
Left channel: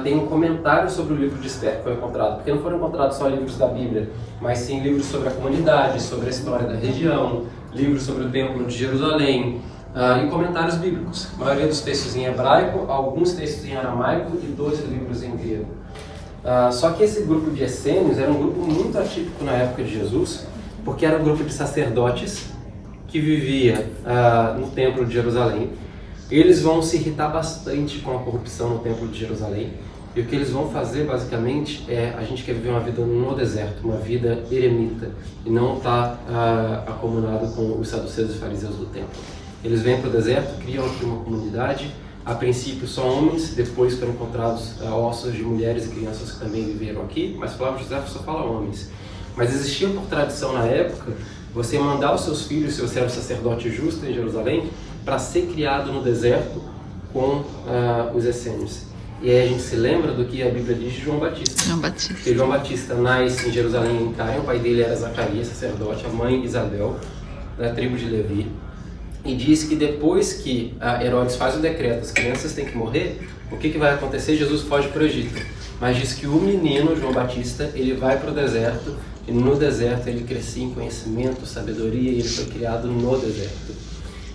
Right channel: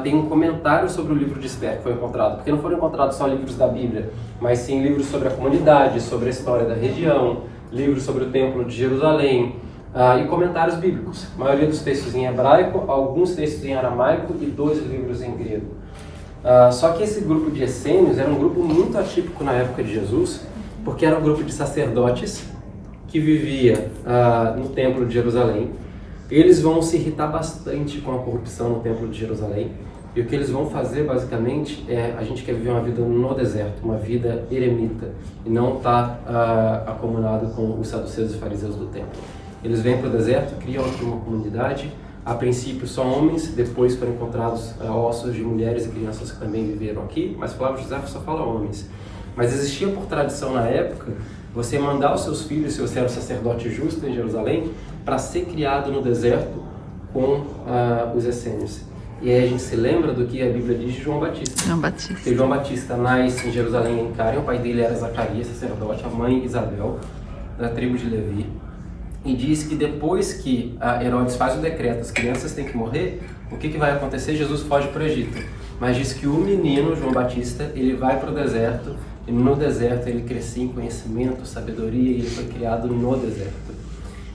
tem um comentário sobre o livro de Esther que foi encontrado, porque não foram encontrados só livros da Bíblia, mas sim livros sobre a comunidade, sobre a história da região, livros sobre o Templo de Jerusalém, e comentários bíblicos. A maioria dos textos em hebraico, alguns textos em aramaico e 12 livros em grego. Só que esse grupo de essênios era um grupo muito atípico na época de Jesus, porque era um grupo de sacerdotes que vivia no Templo de Jerusalém. Eles vão se irritar bastante com a corrupção no Templo de Jerusalém, e o que eles vão fazer basicamente a gente quer viver uma vida no deserto, uma vida eremita, e não estar acomunado com os saduceus e fariseus do templo. Eles vêm para o deserto, criam aqui uma comunidade, a princípio só homens, depois foram encontrados ossos de mulheres e crianças que também viveram aqui, mas Flávio José só fala homens. Mas existia por tradição na época você mandar os seus filhos, se você era um sacerdote justo em Jerusalém, para ser criado no deserto com os essênios. E aí a gente se lembra do que a Bíblia diz de João Batista. João Batista. Porque João Batista nasce em Jerusalém, em Cairo, o pai dele era Zacarias, sacerdote, a mãe Isabel, da tribo de Levi. E diz que depois que Herodes faz o decreto, as crianças têm que morrer, o que vai acontecer? Jesus foge para o Egito. Mas diz que o menino, João Batista, ele vai para o deserto, e no deserto ele crescia em conhecimento, sabedoria, e ele foi criado no deserto.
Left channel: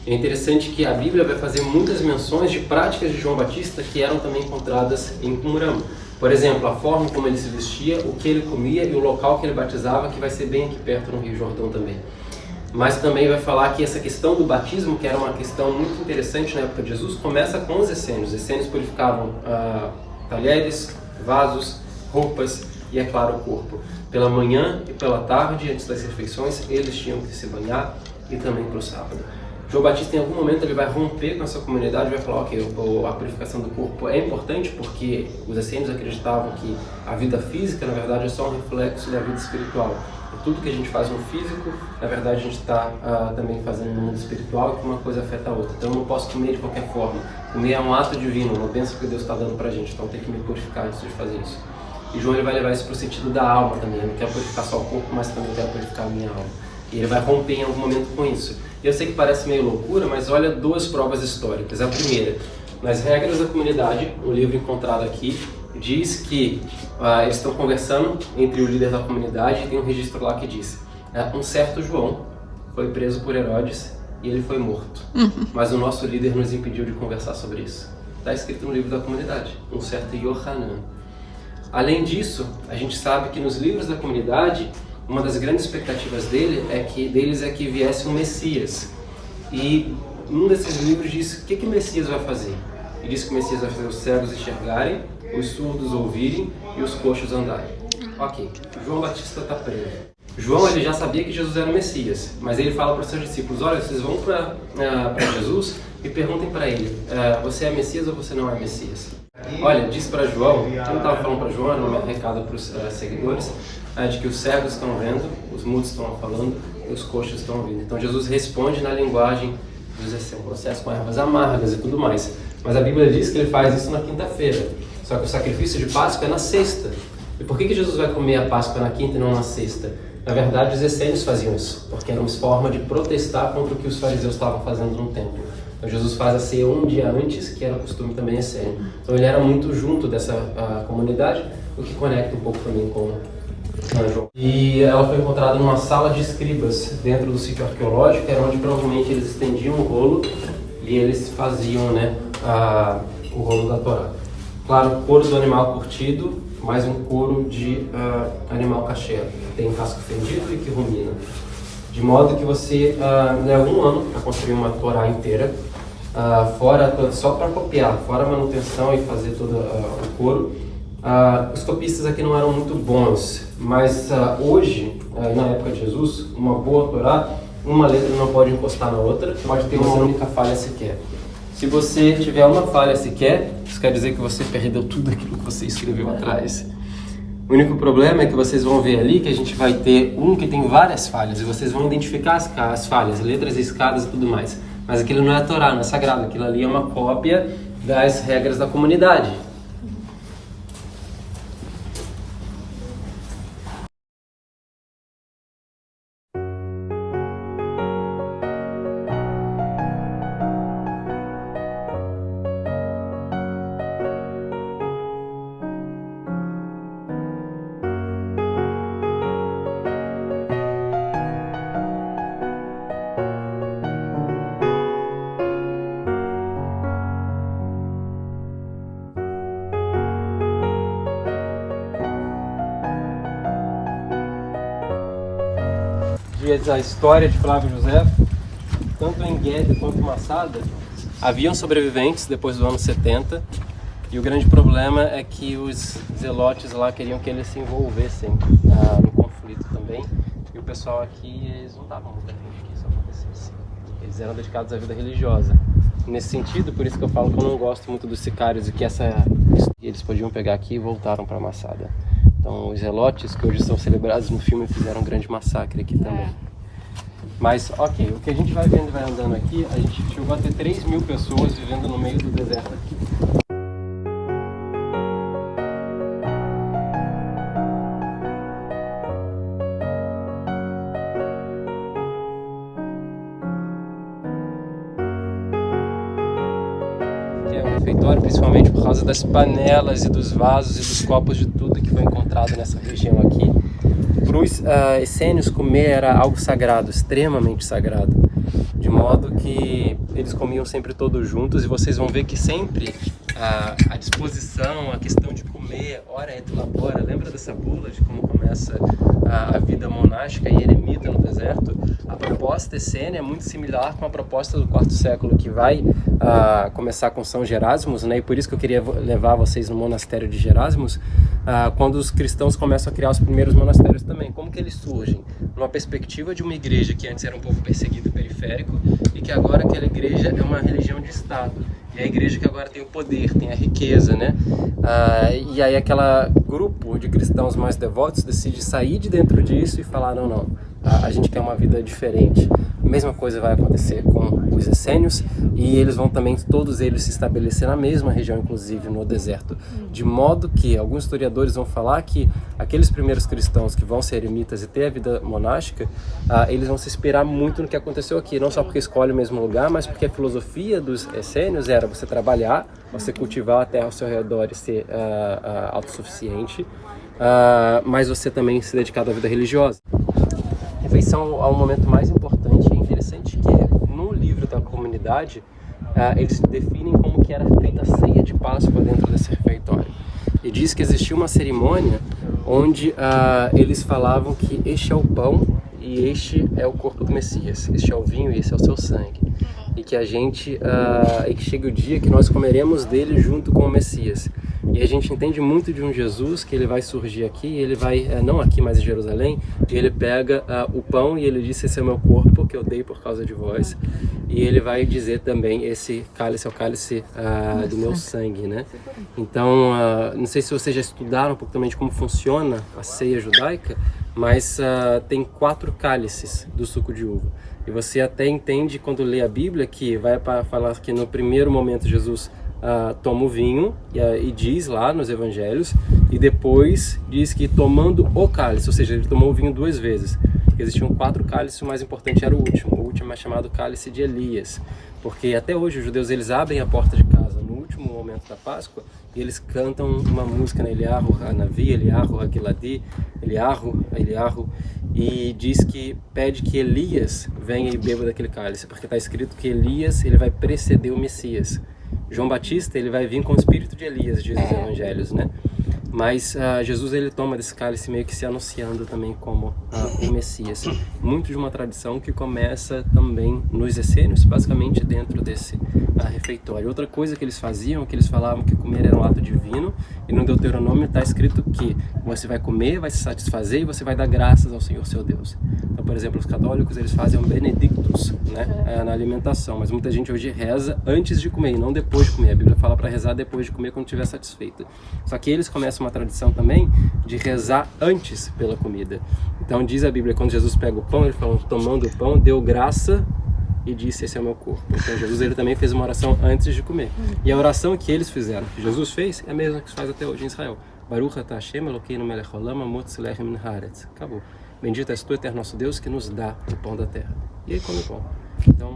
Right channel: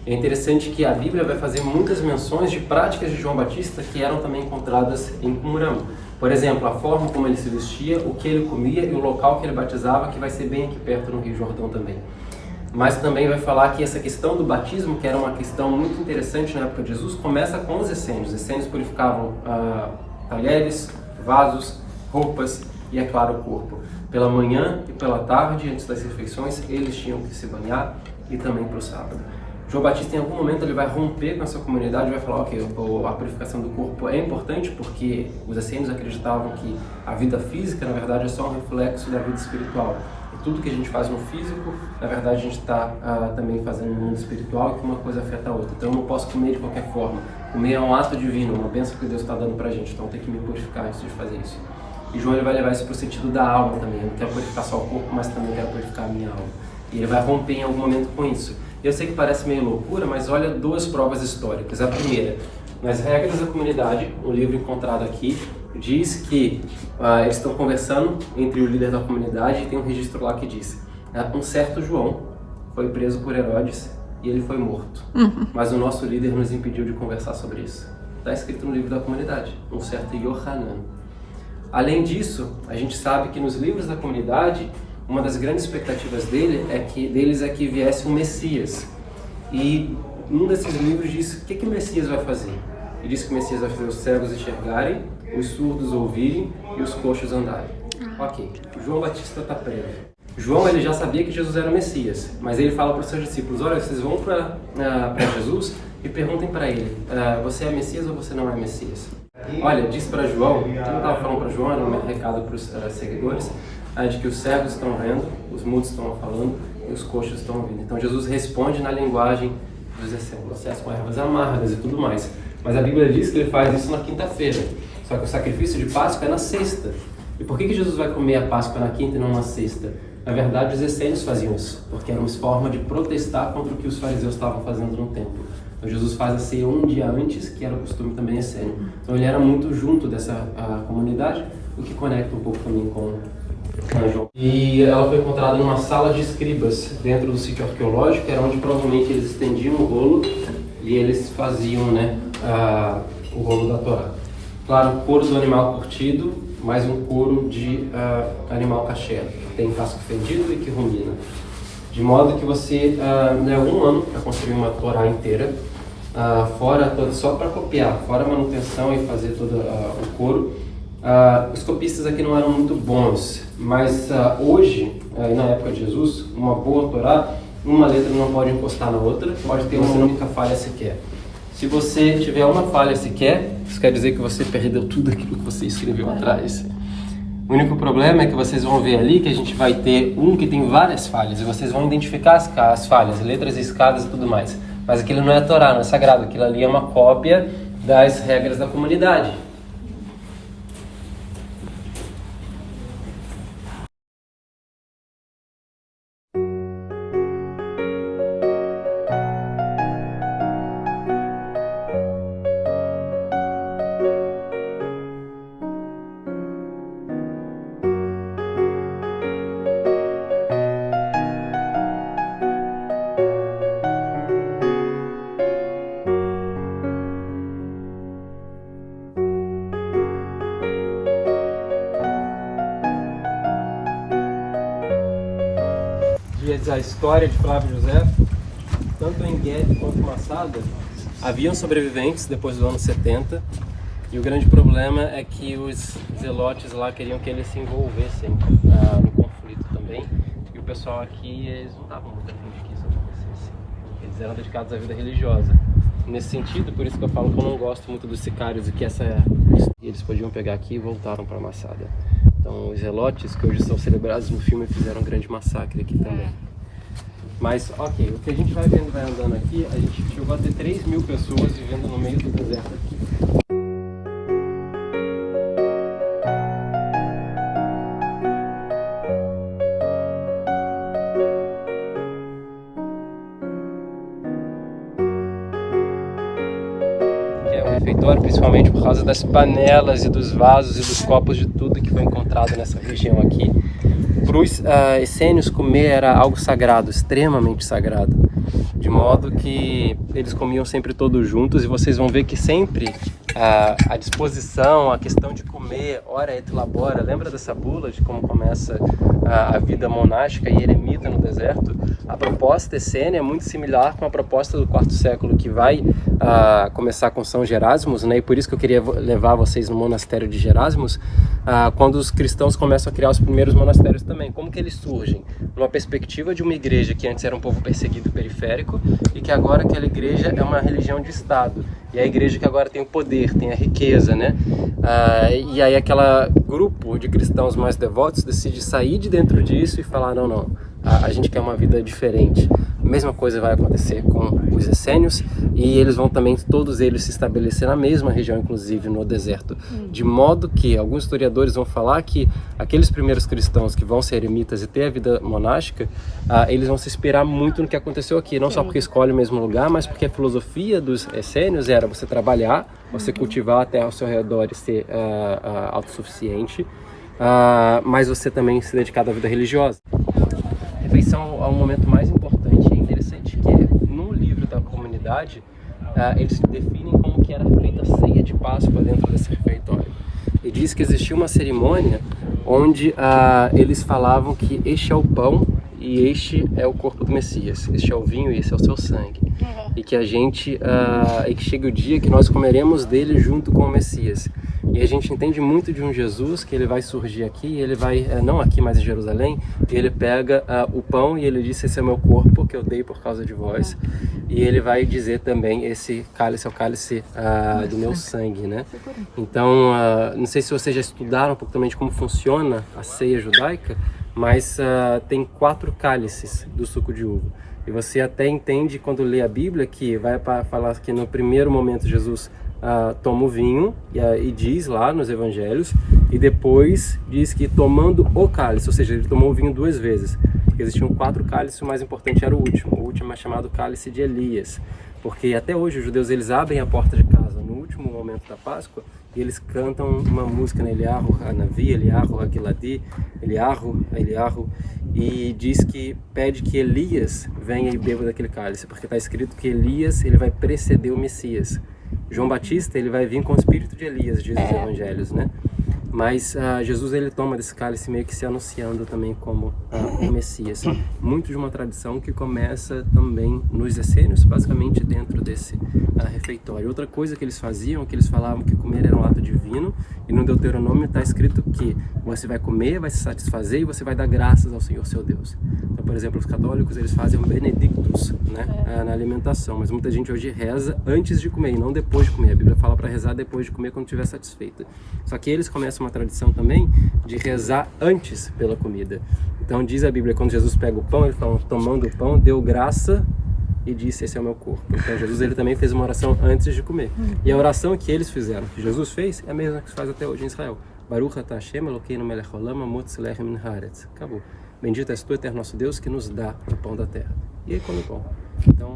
É interessante que a Bíblia vai fazer muitas menções de práticas de João Batista que eram também encontradas em Qumran. Por exemplo, a forma como ele se vestia, o que ele comia e o local que ele batizava, que vai ser bem aqui perto no Rio Jordão também. Mas também vai falar que essa questão do batismo, que era uma questão muito interessante na época de Jesus, começa com os essênios. Os essênios purificavam talheres, vasos, roupas e, é claro, o corpo. Pela manhã e pela tarde, antes das refeições, eles tinham que se banhar, e também para o sábado. João Batista, em algum momento, ele vai romper com essa comunidade, vai falar, ok, a purificação do corpo é importante porque os essênios acreditavam que a vida física, na verdade, é só um reflexo da vida espiritual. E tudo que a gente faz no físico, na verdade, a gente está também fazendo no mundo espiritual, que uma coisa afeta a outra. Então, eu não posso comer de qualquer forma. Comer é um ato divino, uma bênção que Deus está dando pra gente, então tem que me purificar antes de fazer isso. E João ele vai levar isso para o sentido da alma também. Eu não quero purificar só o corpo, mas também quero purificar a minha alma. E ele vai romper em algum momento com isso. Eu sei que parece meio loucura, mas olha duas provas históricas. A primeira, nas regras da comunidade, um livro encontrado aqui, diz que eles estão conversando entre o líder da comunidade e tem um registro lá que diz: um certo João foi preso por Herodes e ele foi morto. Mas o nosso líder nos impediu de conversar sobre isso. Está escrito no livro da comunidade, um certo Yohanan. Além disso, a gente sabe que nos livros da comunidade, uma das grandes expectativas deles é que viesse um Messias. E um desses livros diz o que o Messias vai fazer. Ele diz que o Messias vai fazer os cegos enxergarem, os surdos ouvirem e os coxos andarem. Ok, João Batista está preso. João ele já sabia que Jesus era o Messias, mas ele fala para os seus discípulos: olha, vocês vão para Jesus e perguntem para ele, você é Messias ou você não é Messias? Olha, disse para João, quem estava falando para João, era um recado para os seguidores, de que os cegos estão vendo, os mudos estão falando e os coxos estão ouvindo. Então Jesus responde na linguagem do processo com ervas amargas e tudo mais. Mas a Bíblia diz que ele faz isso na quinta-feira, só que o sacrifício de Páscoa é na sexta. E por que Jesus vai comer a Páscoa na quinta e não na sexta? Na verdade, os essênios faziam isso, porque era uma forma de protestar contra o que os fariseus estavam fazendo no templo. Então Jesus faz a ceia um dia antes, que era o costume também essênio. Então ele era muito junto dessa comunidade, o que conecta um pouco também com João. E ela foi encontrada numa sala de escribas, dentro do sítio arqueológico, era onde provavelmente eles estendiam o rolo e eles faziam o rolo da Torá. Claro, couro do animal curtido, mais um couro de animal kasher, que tem casco fendido e que rumina. De modo que você leva um ano para construir uma Torá inteira, só para copiar, fora a manutenção e fazer todo o couro. Os copistas aqui não eram muito bons, mas hoje, na época de Jesus, uma boa Torá, uma letra não pode encostar na outra, pode ter uma única falha sequer. Se você tiver uma falha sequer, isso quer dizer que você perdeu tudo aquilo que você escreveu atrás. O único problema é que vocês vão ver ali que a gente vai ter um que tem várias falhas, e vocês vão identificar as falhas, letras riscadas e tudo mais. Mas aquilo não é a Torá, não é sagrado, aquilo ali é uma cópia das regras da comunidade. A história de Flávio José, tanto em Guedes quanto em Massada, haviam sobreviventes depois do ano 70, e o grande problema é que os zelotes lá queriam que eles se envolvessem no conflito também, e o pessoal aqui, eles não estavam muito afim de que isso acontecesse, eles eram dedicados à vida religiosa. Nesse sentido, por isso que eu falo que eu não gosto muito dos sicários e que eles podiam pegar aqui e voltaram para Massada. Então os zelotes, que hoje são celebrados no filme, fizeram um grande massacre aqui também. Mas, ok, o que a gente vai vendo, vai andando aqui, a gente chegou a ter 3.000 pessoas vivendo no meio do deserto aqui. Que é o refeitório, principalmente por causa das panelas e dos vasos e dos copos de tudo que foi encontrado nessa região aqui. Para os essênios, comer era algo sagrado, extremamente sagrado, de modo que eles comiam sempre todos juntos, e vocês vão ver que sempre a disposição, a questão de comer, ora et labora, lembra dessa bula de como começa a vida monástica e eremita no deserto? A proposta essênia é muito similar com a proposta do quarto século, que vai começar com São Gerásimo, né? E por isso que eu queria levar vocês no monastério de Gerásimo, quando os cristãos começam a criar os primeiros monastérios também. Como que eles surgem? Numa perspectiva de uma igreja que antes era um povo perseguido periférico e que agora aquela igreja é uma religião de Estado. E a igreja que agora tem o poder, tem a riqueza, né? E aí aquele grupo de cristãos mais devotos decide sair de dentro disso e falar, não, a gente quer uma vida diferente. A mesma coisa vai acontecer com os essênios e eles vão também, todos eles, se estabelecer na mesma região, inclusive no deserto. De modo que alguns historiadores vão falar que aqueles primeiros cristãos que vão ser eremitas e ter a vida monástica, eles vão se inspirar muito no que aconteceu aqui. Não só porque escolhe o mesmo lugar, mas porque a filosofia dos essênios era você trabalhar, você cultivar a terra ao seu redor e ser autossuficiente, mas você também se dedicar à vida religiosa. A refeição é um momento mais importante e interessante que no livro da comunidade eles definem como que era feita a ceia de Páscoa dentro desse refeitório. E diz que existia uma cerimônia onde eles falavam que este é o pão e este é o corpo do Messias, este é o vinho e esse é o seu sangue. E que e que chega o dia que nós comeremos dele junto com o Messias. E a gente entende muito de um Jesus que ele vai surgir aqui, ele vai, não aqui, mas em Jerusalém, e ele pega o pão e ele diz, esse é o meu corpo que eu dei por causa de vós. E ele vai dizer também, esse cálice é o cálice do meu sangue, né? Então, não sei se vocês já estudaram um pouco também de como funciona a ceia judaica, mas tem 4 cálices do suco de uva. E você até entende quando lê a Bíblia que vai falar que no primeiro momento Jesus toma o vinho e diz lá nos evangelhos, e depois diz que tomando o cálice, ou seja, ele tomou o vinho 2 vezes. Existiam 4 cálices, o mais importante era o último é chamado cálice de Elias, porque até hoje os judeus eles abrem a porta de casa no último momento da Páscoa e eles cantam uma música, né? Eliyahu Hanavi, Eliyahu Hagiladi, Eliyahu, e diz que pede que Elias venha e beba daquele cálice, porque está escrito que Elias ele vai preceder o Messias. João Batista ele vai vir com o espírito de Elias, diz os evangelhos, né? Mas Jesus ele toma desse cálice meio que se anunciando também como o Messias. Muito de uma tradição que começa também nos essênios, basicamente dentro desse refeitório. Outra coisa que eles faziam, que eles falavam que comer era um ato divino, e no Deuteronômio está escrito que você vai comer, vai se satisfazer e você vai dar graças ao Senhor seu Deus. Então, por exemplo, os católicos eles fazem um benedictus, né, na alimentação, mas muita gente hoje reza antes de comer e não depois de comer. A Bíblia fala para rezar depois de comer quando estiver satisfeito. Só que eles começam uma tradição também de rezar antes pela comida. Então diz a Bíblia, quando Jesus pega o pão, ele fala, tomando o pão, deu graça e disse, esse é o meu corpo. Então Jesus ele também fez uma oração antes de comer. E a oração que eles fizeram, que Jesus fez, é a mesma que se faz até hoje em Israel. Baruch atah Hashem Elokeinu melech haolam hamotzi lechem min haaretz. Acabou. Bendito és tu, eterno nosso Deus, que nos dá o pão da terra. E aí come o pão. Então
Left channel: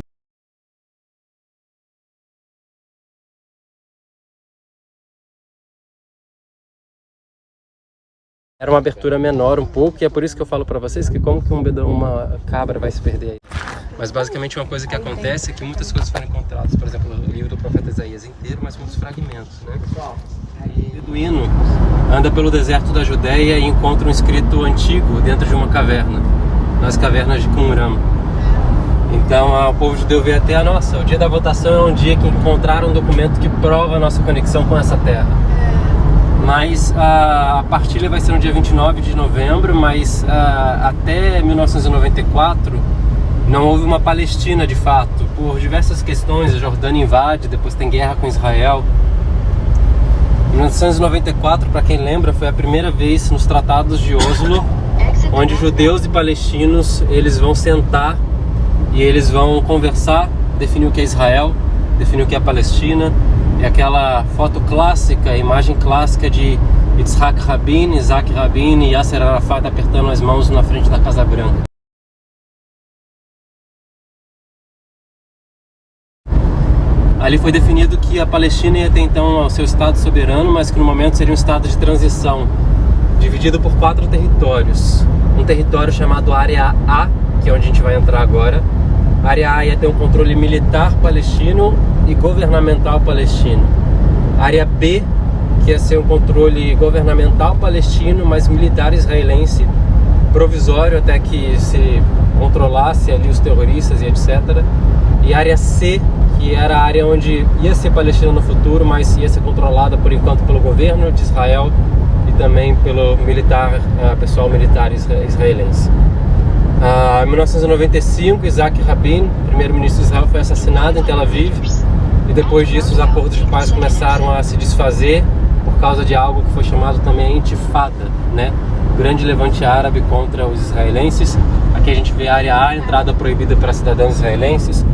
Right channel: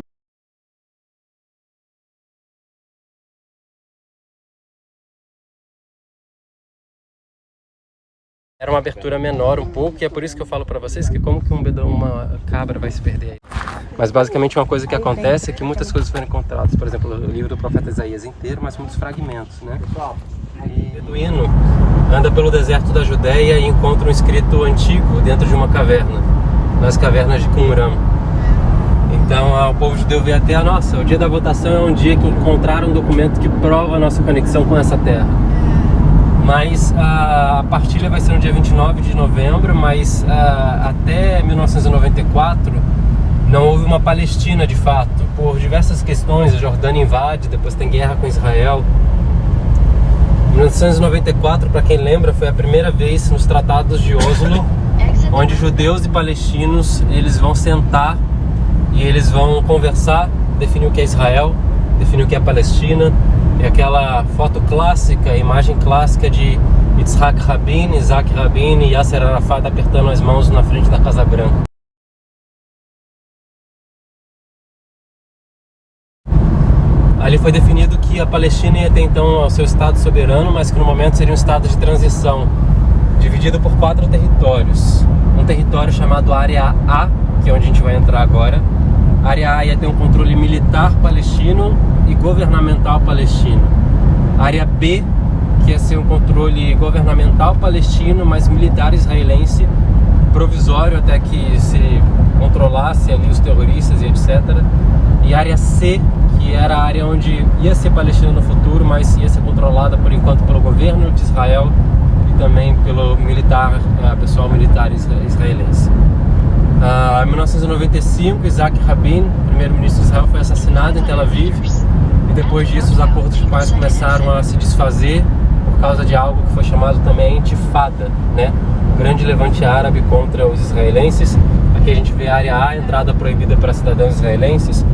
era uma abertura menor um pouco, e é por isso que eu falo para vocês que como que uma cabra vai se perder aí. Mas basicamente uma coisa que acontece é que muitas coisas foram encontradas, por exemplo, o livro do profeta Isaías inteiro, mas muitos fragmentos, né? E o beduíno anda pelo deserto da Judéia e encontra um escrito antigo dentro de uma caverna, nas cavernas de Qumran. Então o povo judeu vê até, o dia da votação é um dia que encontraram um documento que prova a nossa conexão com essa terra. Mas a partilha vai ser no dia 29 de novembro, mas até 1994 não houve uma Palestina de fato, por diversas questões. A Jordânia invade, depois tem guerra com Israel. Em 1994, para quem lembra, foi a primeira vez nos tratados de Oslo, onde judeus e palestinos eles vão sentar e eles vão conversar, definir o que é Israel, definir o que é a Palestina. É aquela foto clássica, a imagem clássica de Yitzhak Rabin, Isaac Rabin e Yasser Arafat apertando as mãos na frente da Casa Branca. Ali foi definido que a Palestina ia ter então o seu Estado soberano, mas que no momento seria um Estado de transição, dividido por 4 territórios. Um território chamado Área A, que é onde a gente vai entrar agora. A Área A ia ter um controle militar palestino e governamental palestino. A Área B, que ia ser um controle governamental palestino, mas militar israelense, provisório até que se controlasse ali os terroristas e etc. E a Área C, que era a área onde ia ser Palestina no futuro, mas ia ser controlada por enquanto pelo governo de Israel e também pelo pessoal militar israelense. Em 1995, Isaac Rabin, primeiro-ministro de Israel, foi assassinado em Tel Aviv, e depois disso os acordos de paz começaram a se desfazer por causa de algo que foi chamado também a Intifada, né? O grande levante árabe contra os israelenses. Aqui a gente vê a área A, entrada proibida para cidadãos israelenses.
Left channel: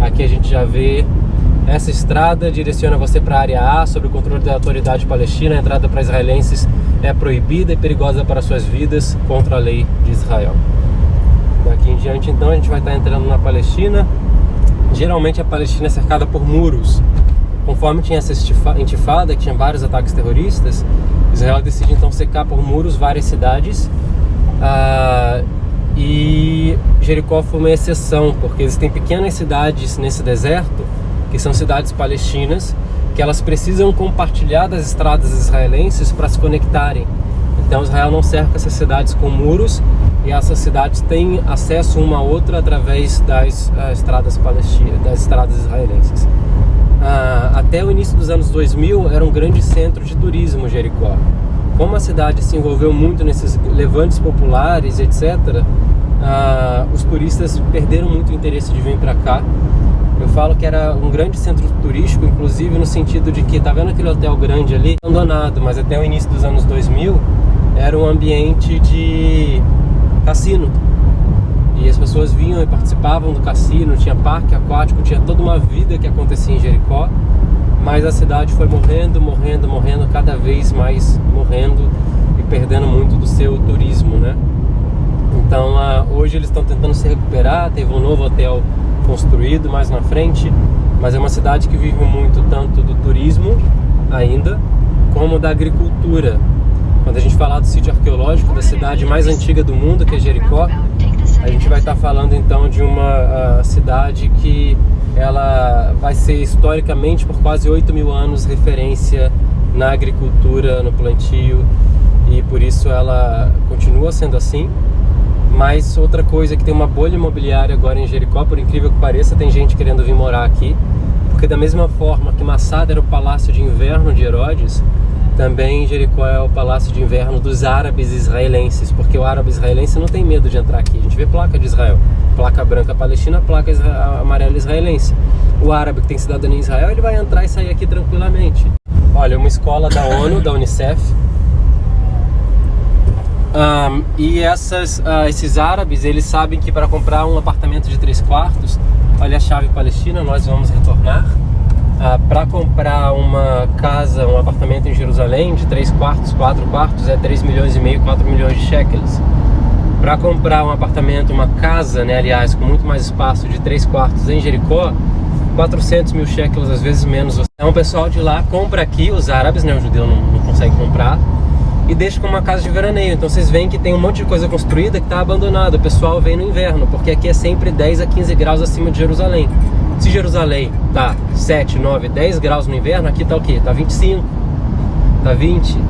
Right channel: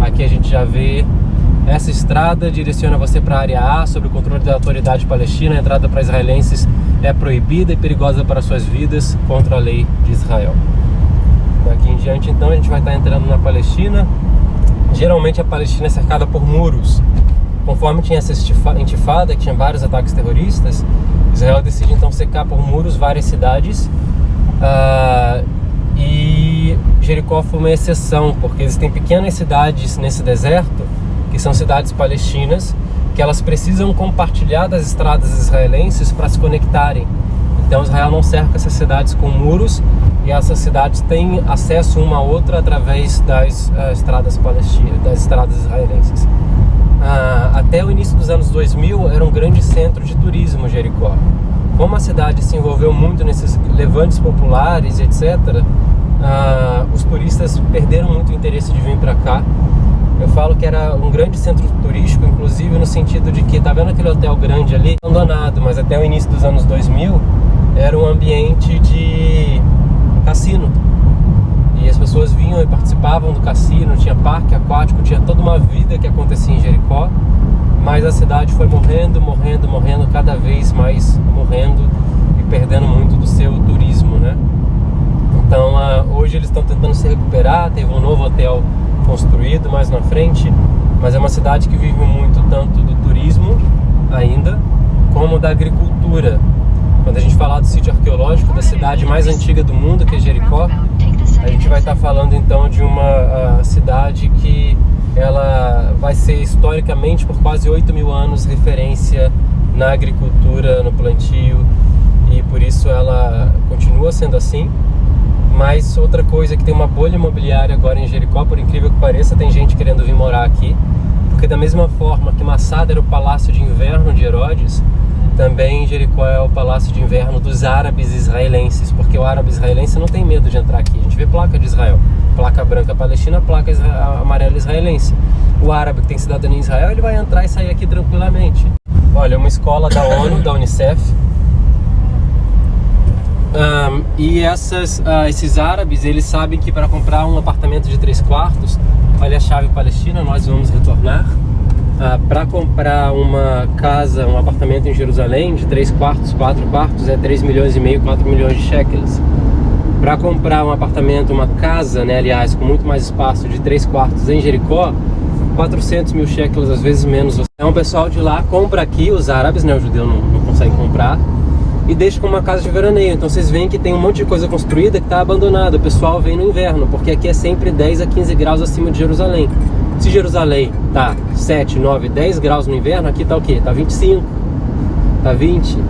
Aqui a gente já vê essa estrada, direciona você para a área A, sob o controle da autoridade palestina. A entrada para israelenses é proibida e perigosa para suas vidas, contra a lei de Israel. Daqui em diante, então, a gente vai estar entrando na Palestina. Geralmente a Palestina é cercada por muros. Conforme tinha essa intifada, que tinha vários ataques terroristas, Israel decide então cercar por muros várias cidades. E Jericó foi uma exceção, porque existem pequenas cidades nesse deserto, que são cidades palestinas, que elas precisam compartilhar das estradas israelenses para se conectarem. Então Israel não cerca essas cidades com muros, e essas cidades têm acesso uma a outra através das estradas palestinas, das estradas israelenses. Até o início dos anos 2000 era um grande centro de turismo, Jericó. Como a cidade se envolveu muito nesses levantes populares, etc., os turistas perderam muito o interesse de vir para cá. Eu falo que era um grande centro turístico, inclusive no sentido de que, tá vendo aquele hotel grande ali? Abandonado, mas até o início dos anos 2000 era um ambiente de cassino. E as pessoas vinham e participavam do cassino, tinha parque aquático, tinha toda uma vida que acontecia em Jericó. Mas a cidade foi morrendo, cada vez mais morrendo e perdendo muito do seu turismo, né? Então hoje eles estão tentando se recuperar, teve um novo hotel construído mais na frente, mas é uma cidade que vive muito tanto do turismo ainda, como da agricultura. Quando a gente falar do sítio arqueológico da cidade mais antiga do mundo, que é Jericó, a gente vai estar falando então de uma cidade que ela vai ser historicamente por quase 8.000 anos referência na agricultura, no plantio, e por isso ela continua sendo assim. Mas outra coisa é que tem uma bolha imobiliária agora em Jericó, por incrível que pareça, tem gente querendo vir morar aqui, porque da mesma forma que Massada era o palácio de inverno de Herodes, também Jericó é o palácio de inverno dos árabes israelenses, porque o árabe israelense não tem medo de entrar aqui. A gente vê placa de Israel, placa branca palestina, placa amarela israelense. O árabe que tem cidadania em Israel, ele vai entrar e sair aqui tranquilamente. Olha, uma escola da ONU, da Unicef. E esses árabes, eles sabem que para comprar um apartamento de 3 quartos, olha a chave palestina, nós vamos retornar. Para comprar uma casa, um apartamento em Jerusalém de 3 quartos, 4 quartos, é 3,5 milhões, 4 milhões de shekels. Para comprar um apartamento, uma casa, né, aliás, com muito mais espaço, de 3 quartos em Jericó, 400 mil shekels, às vezes menos. Então o pessoal de lá compra aqui, os árabes, né, o judeu não consegue comprar, e deixa como uma casa de veraneio. Então vocês veem que tem um monte de coisa construída que está abandonada. O pessoal vem no inverno, porque aqui é sempre 10 a 15 graus acima de Jerusalém. Se Jerusalém tá 7, 9, 10 graus no inverno, aqui tá o quê? Tá 25, tá 20.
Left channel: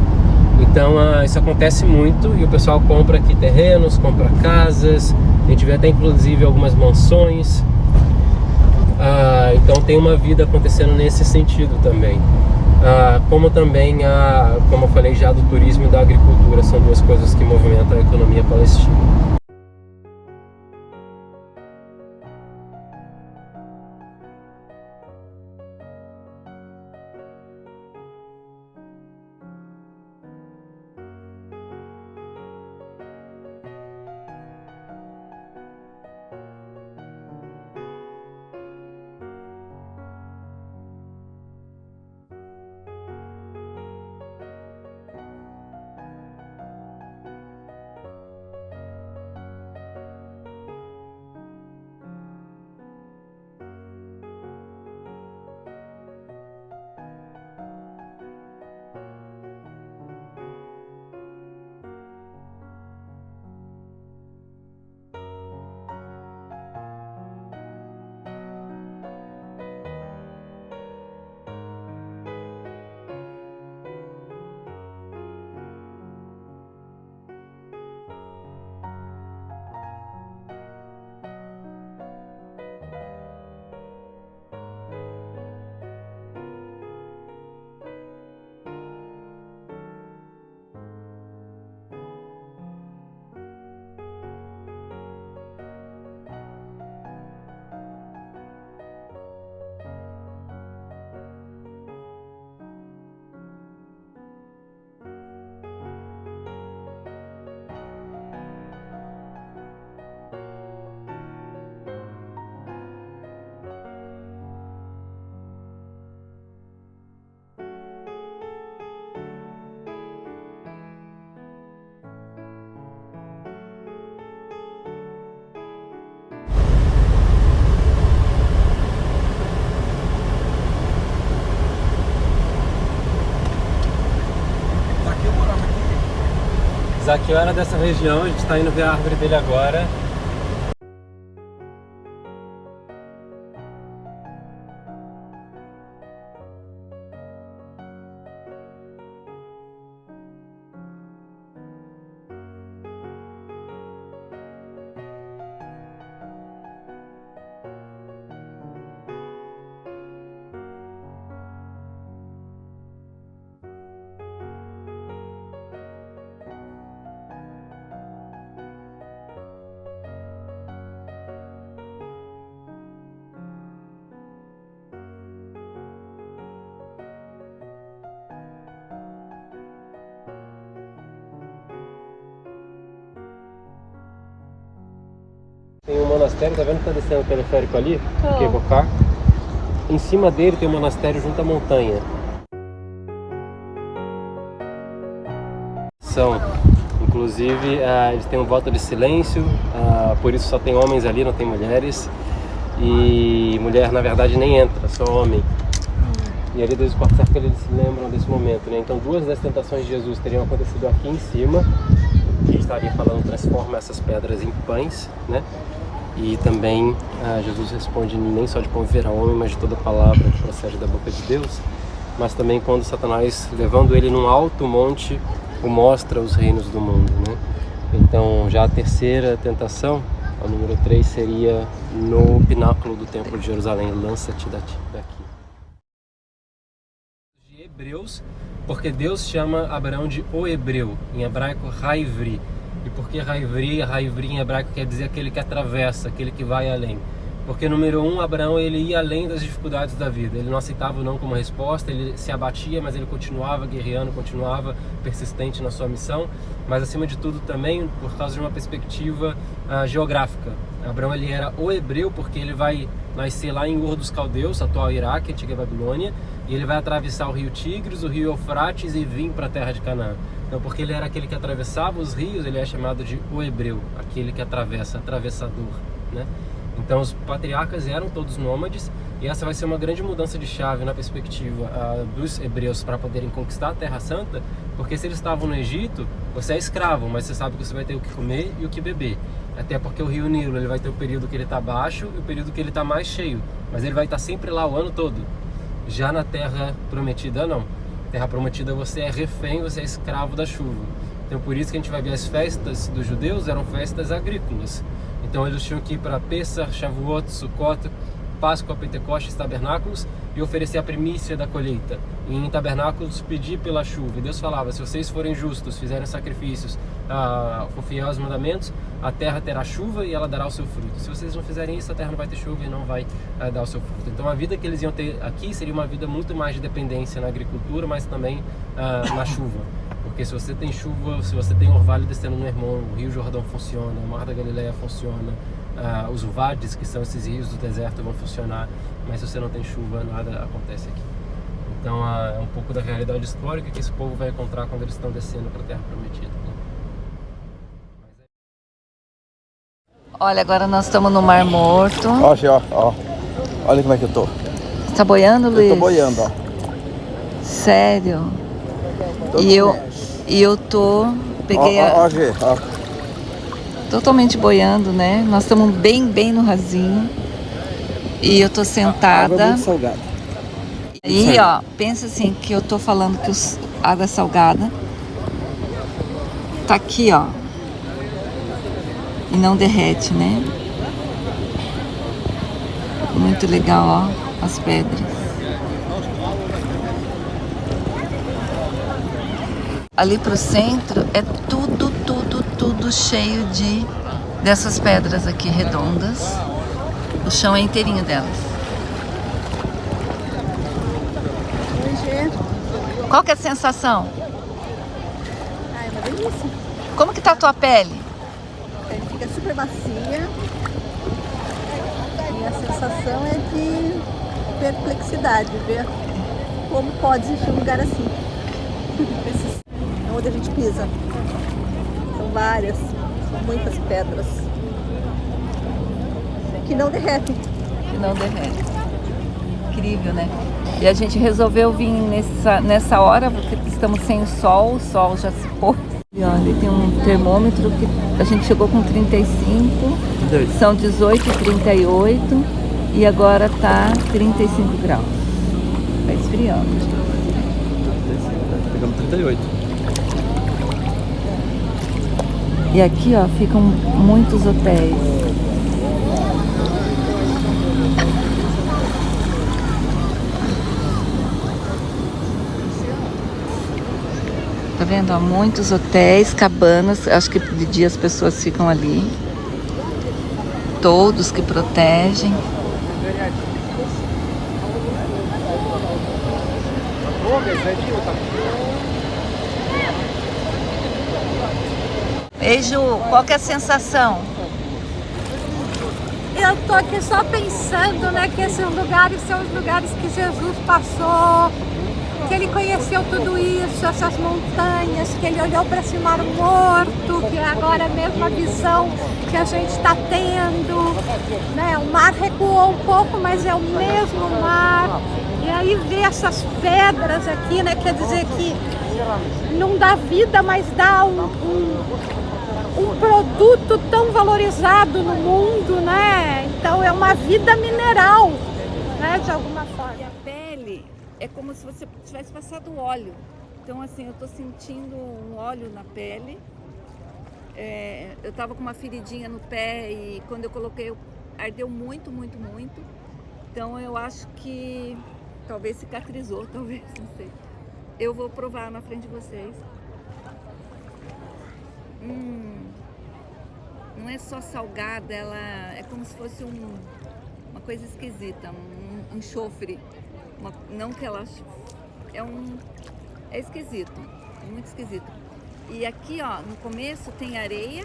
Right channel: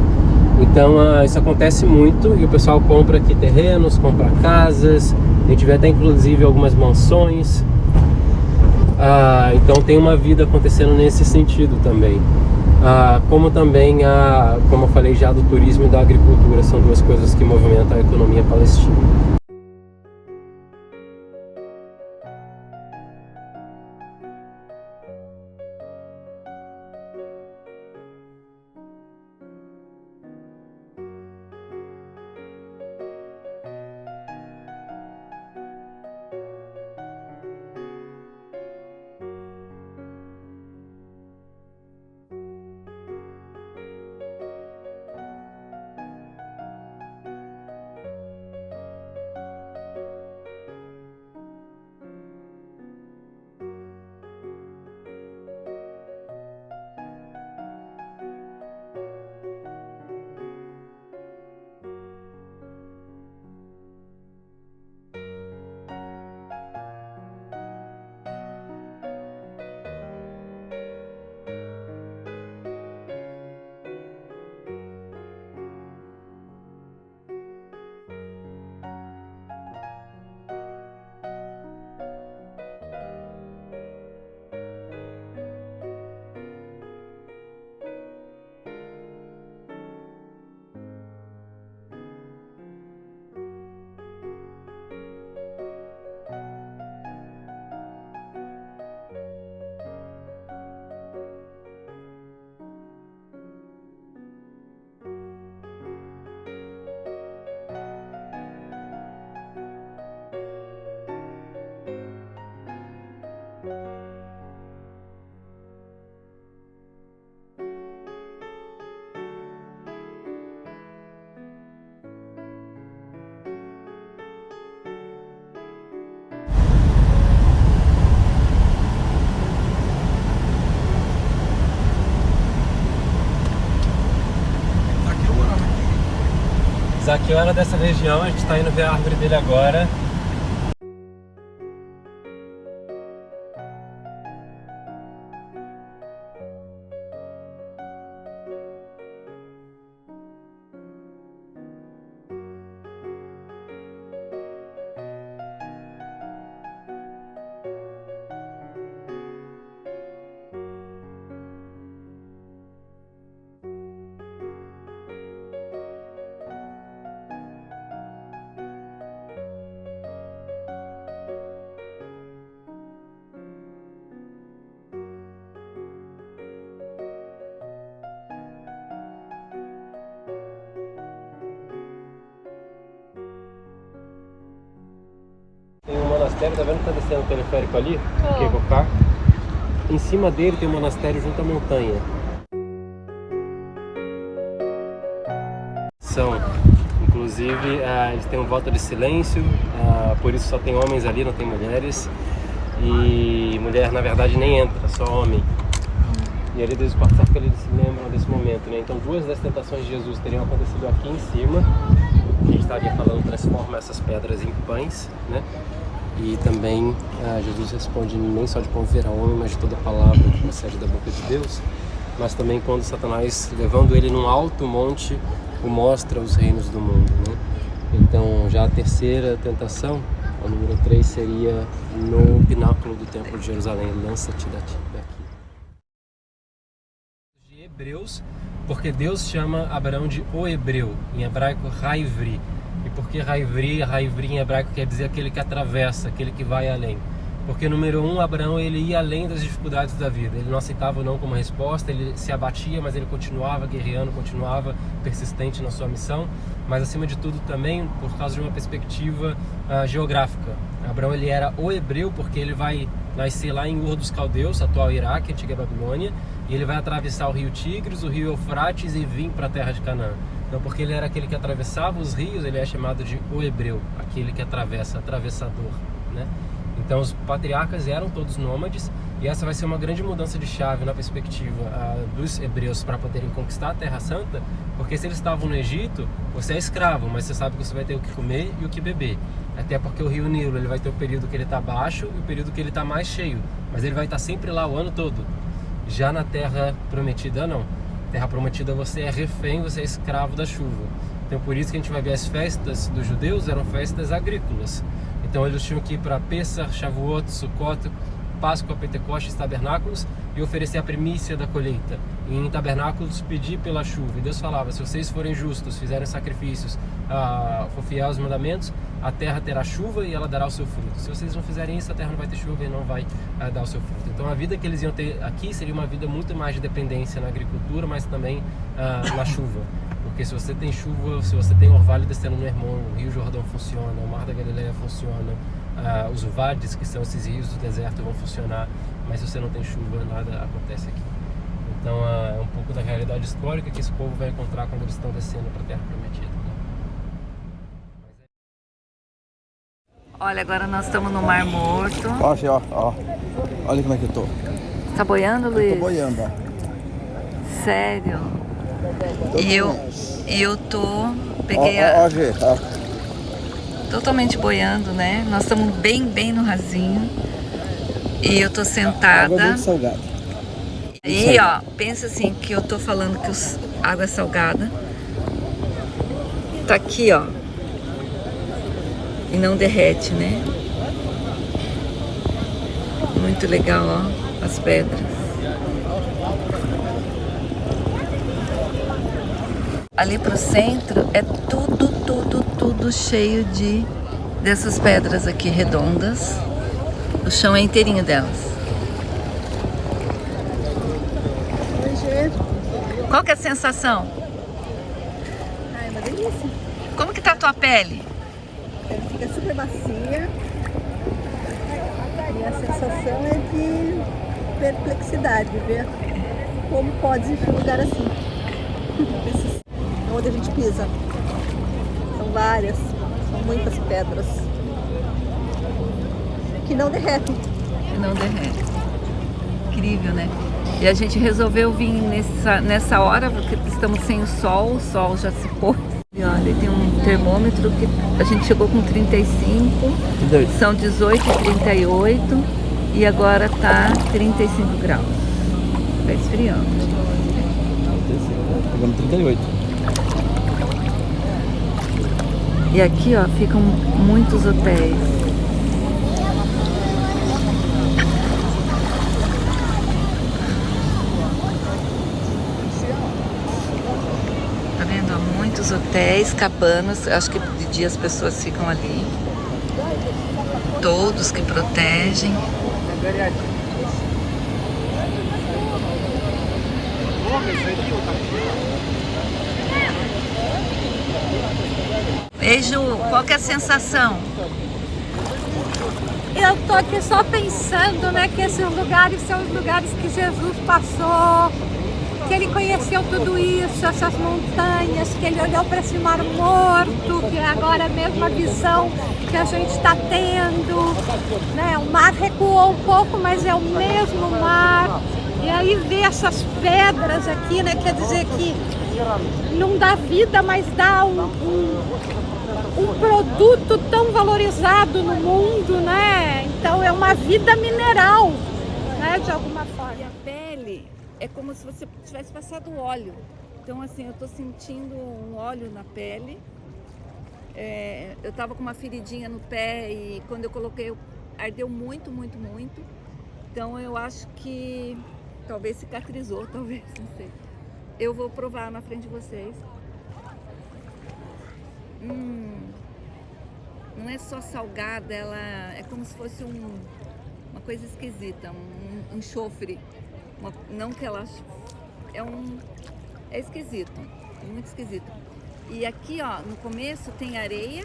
Então isso acontece muito, e o pessoal compra aqui terrenos, compra casas. A gente vê até inclusive algumas mansões. Então tem uma vida acontecendo nesse sentido também. Como também, como eu falei já, do turismo e da agricultura, são duas coisas que movimentam a economia palestina. Zaqueu era dessa região, a gente está indo ver a árvore dele agora. Tem um monastério, tá vendo que tá descendo o teleférico ali? Que é cá. Em cima dele tem um monastério junto à montanha. Inclusive, eles têm um voto de silêncio, por isso só tem homens ali, não tem mulheres. E mulher, na verdade, nem entra, só homem. E ali Deus pode que eles se lembram desse momento, né? Então, duas das tentações de Jesus teriam acontecido aqui em cima, que estaria falando transforma essas pedras em pães, né? E também Jesus responde nem só de pão viverá homem, mas de toda palavra que procede da boca de Deus. Mas também quando Satanás, levando ele num alto monte, o mostra os reinos do mundo, né? Então já a terceira tentação, a número 3, seria no pináculo do templo de Jerusalém, lança-te daqui. De Hebreus, porque Deus chama Abraão de o Hebreu, em hebraico Haivri. E por que Haivri? Haivri em hebraico quer dizer aquele que atravessa, aquele que vai além. Porque número 1, Abraão ele ia além das dificuldades da vida. Ele não aceitava o não como resposta, ele se abatia, mas ele continuava guerreando, continuava persistente na sua missão. Mas acima de tudo também por causa de uma perspectiva geográfica. Abraão ele era o hebreu porque ele vai nascer lá em Ur dos Caldeus, atual Iraque, antiga Babilônia, e ele vai atravessar o rio Tigres, o rio Eufrates e vir para a terra de Canaã. Então, porque ele era aquele que atravessava os rios, ele é chamado de o hebreu, aquele que atravessa, atravessador, né? Então, os patriarcas eram todos nômades, e essa vai ser uma grande mudança de chave na perspectiva dos hebreus para poderem conquistar a Terra Santa, porque se eles estavam no Egito, você é escravo, mas você sabe que você vai ter o que comer e o que beber. Até porque o rio Nilo ele vai ter o período que ele está baixo e o período que ele está mais cheio, mas ele vai estar sempre lá o ano todo. Já na Terra Prometida, não. Terra Prometida você é refém, você é escravo da chuva. Então por isso que a gente vai ver as festas dos judeus eram festas agrícolas. Então eles tinham que ir para Pessah, Shavuot, Sukkot, Páscoa, Pentecostes, Tabernáculos e oferecer a primícia da colheita. E em Tabernáculos pedir pela chuva. E Deus falava, se vocês forem justos, fizerem sacrifícios, for fiel aos mandamentos, a terra terá chuva e ela dará o seu fruto. Se vocês não fizerem isso, a terra não vai ter chuva e não vai dar o seu fruto. Então a vida que eles iam ter aqui seria uma vida muito mais de dependência na agricultura, mas também na chuva. Porque se você tem chuva, se você tem orvalho descendo no Hermon, o Rio Jordão funciona, o Mar da Galileia funciona, os Uvades, que são esses rios do deserto, vão funcionar, mas se você não tem chuva, nada acontece aqui. Então é um pouco da realidade histórica que esse povo vai encontrar quando eles estão descendo para a Terra Prometida, né? Olha, agora nós estamos no Mar Morto. Ó. Olha como é que eu tô. Você tá boiando, Luiz? Eu tô boiando, ó. Sério? Todo E eu tô... Peguei ó, Gê, ó. Totalmente boiando, né? Nós estamos bem no rasinho. E eu tô sentada. Água muito salgada. E ó, pensa assim que eu tô falando que água salgada tá aqui, ó. E não derrete, né? Muito legal, ó, as pedras. Ali pro centro é tudo cheio dessas pedras aqui redondas. O chão é inteirinho delas. Oi, Gê. Qual que é a sensação? É uma delícia. Como que tá a tua pele? Ele fica super macia. E a sensação é de perplexidade, ver como pode existir um lugar assim. Onde a gente pisa. São várias, são muitas pedras. Que não derretem. Que não derrete. Incrível, né? E a gente resolveu vir nessa hora, porque estamos sem o sol já se pôs. E olha, tem um termômetro que a gente chegou com 35, 38. são 18,38 e agora tá 35 graus. Tá esfriando. Pegamos 38. E aqui, ó, ficam muitos hotéis. Tá vendo? Há muitos hotéis, cabanas. Acho que de dia as pessoas ficam ali. Todos que protegem. Ei, Ju, qual que é a sensação? Eu tô aqui só pensando, né, que esses lugares são os lugares que Jesus passou, que ele conheceu tudo isso, essas montanhas, que ele olhou para esse mar morto, que é agora a mesma visão que a gente está tendo, né? O mar recuou um pouco, mas é o mesmo mar. E aí ver essas pedras aqui, né, quer dizer que não dá vida, mas dá um produto tão valorizado no mundo, né? Então é uma vida mineral, né, de alguma forma. E a pele é como se você tivesse passado óleo. Então, assim, eu tô sentindo um óleo na pele. Eu tava com uma feridinha no pé e quando eu coloquei, ardeu muito, muito, muito. Então, eu acho que talvez cicatrizou, talvez, não sei. Eu vou provar na frente de vocês. Não é só salgada, ela é como se fosse uma coisa esquisita, um enxofre. Não que ela... É esquisito, muito esquisito. E aqui, ó, no começo tem areia,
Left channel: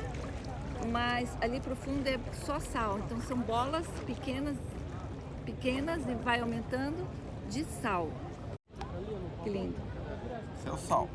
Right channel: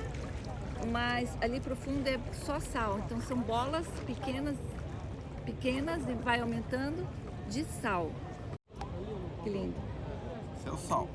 mas ali pro fundo é só sal. Então são bolas pequenas e vai aumentando de sal. Que lindo. Esse é o sal.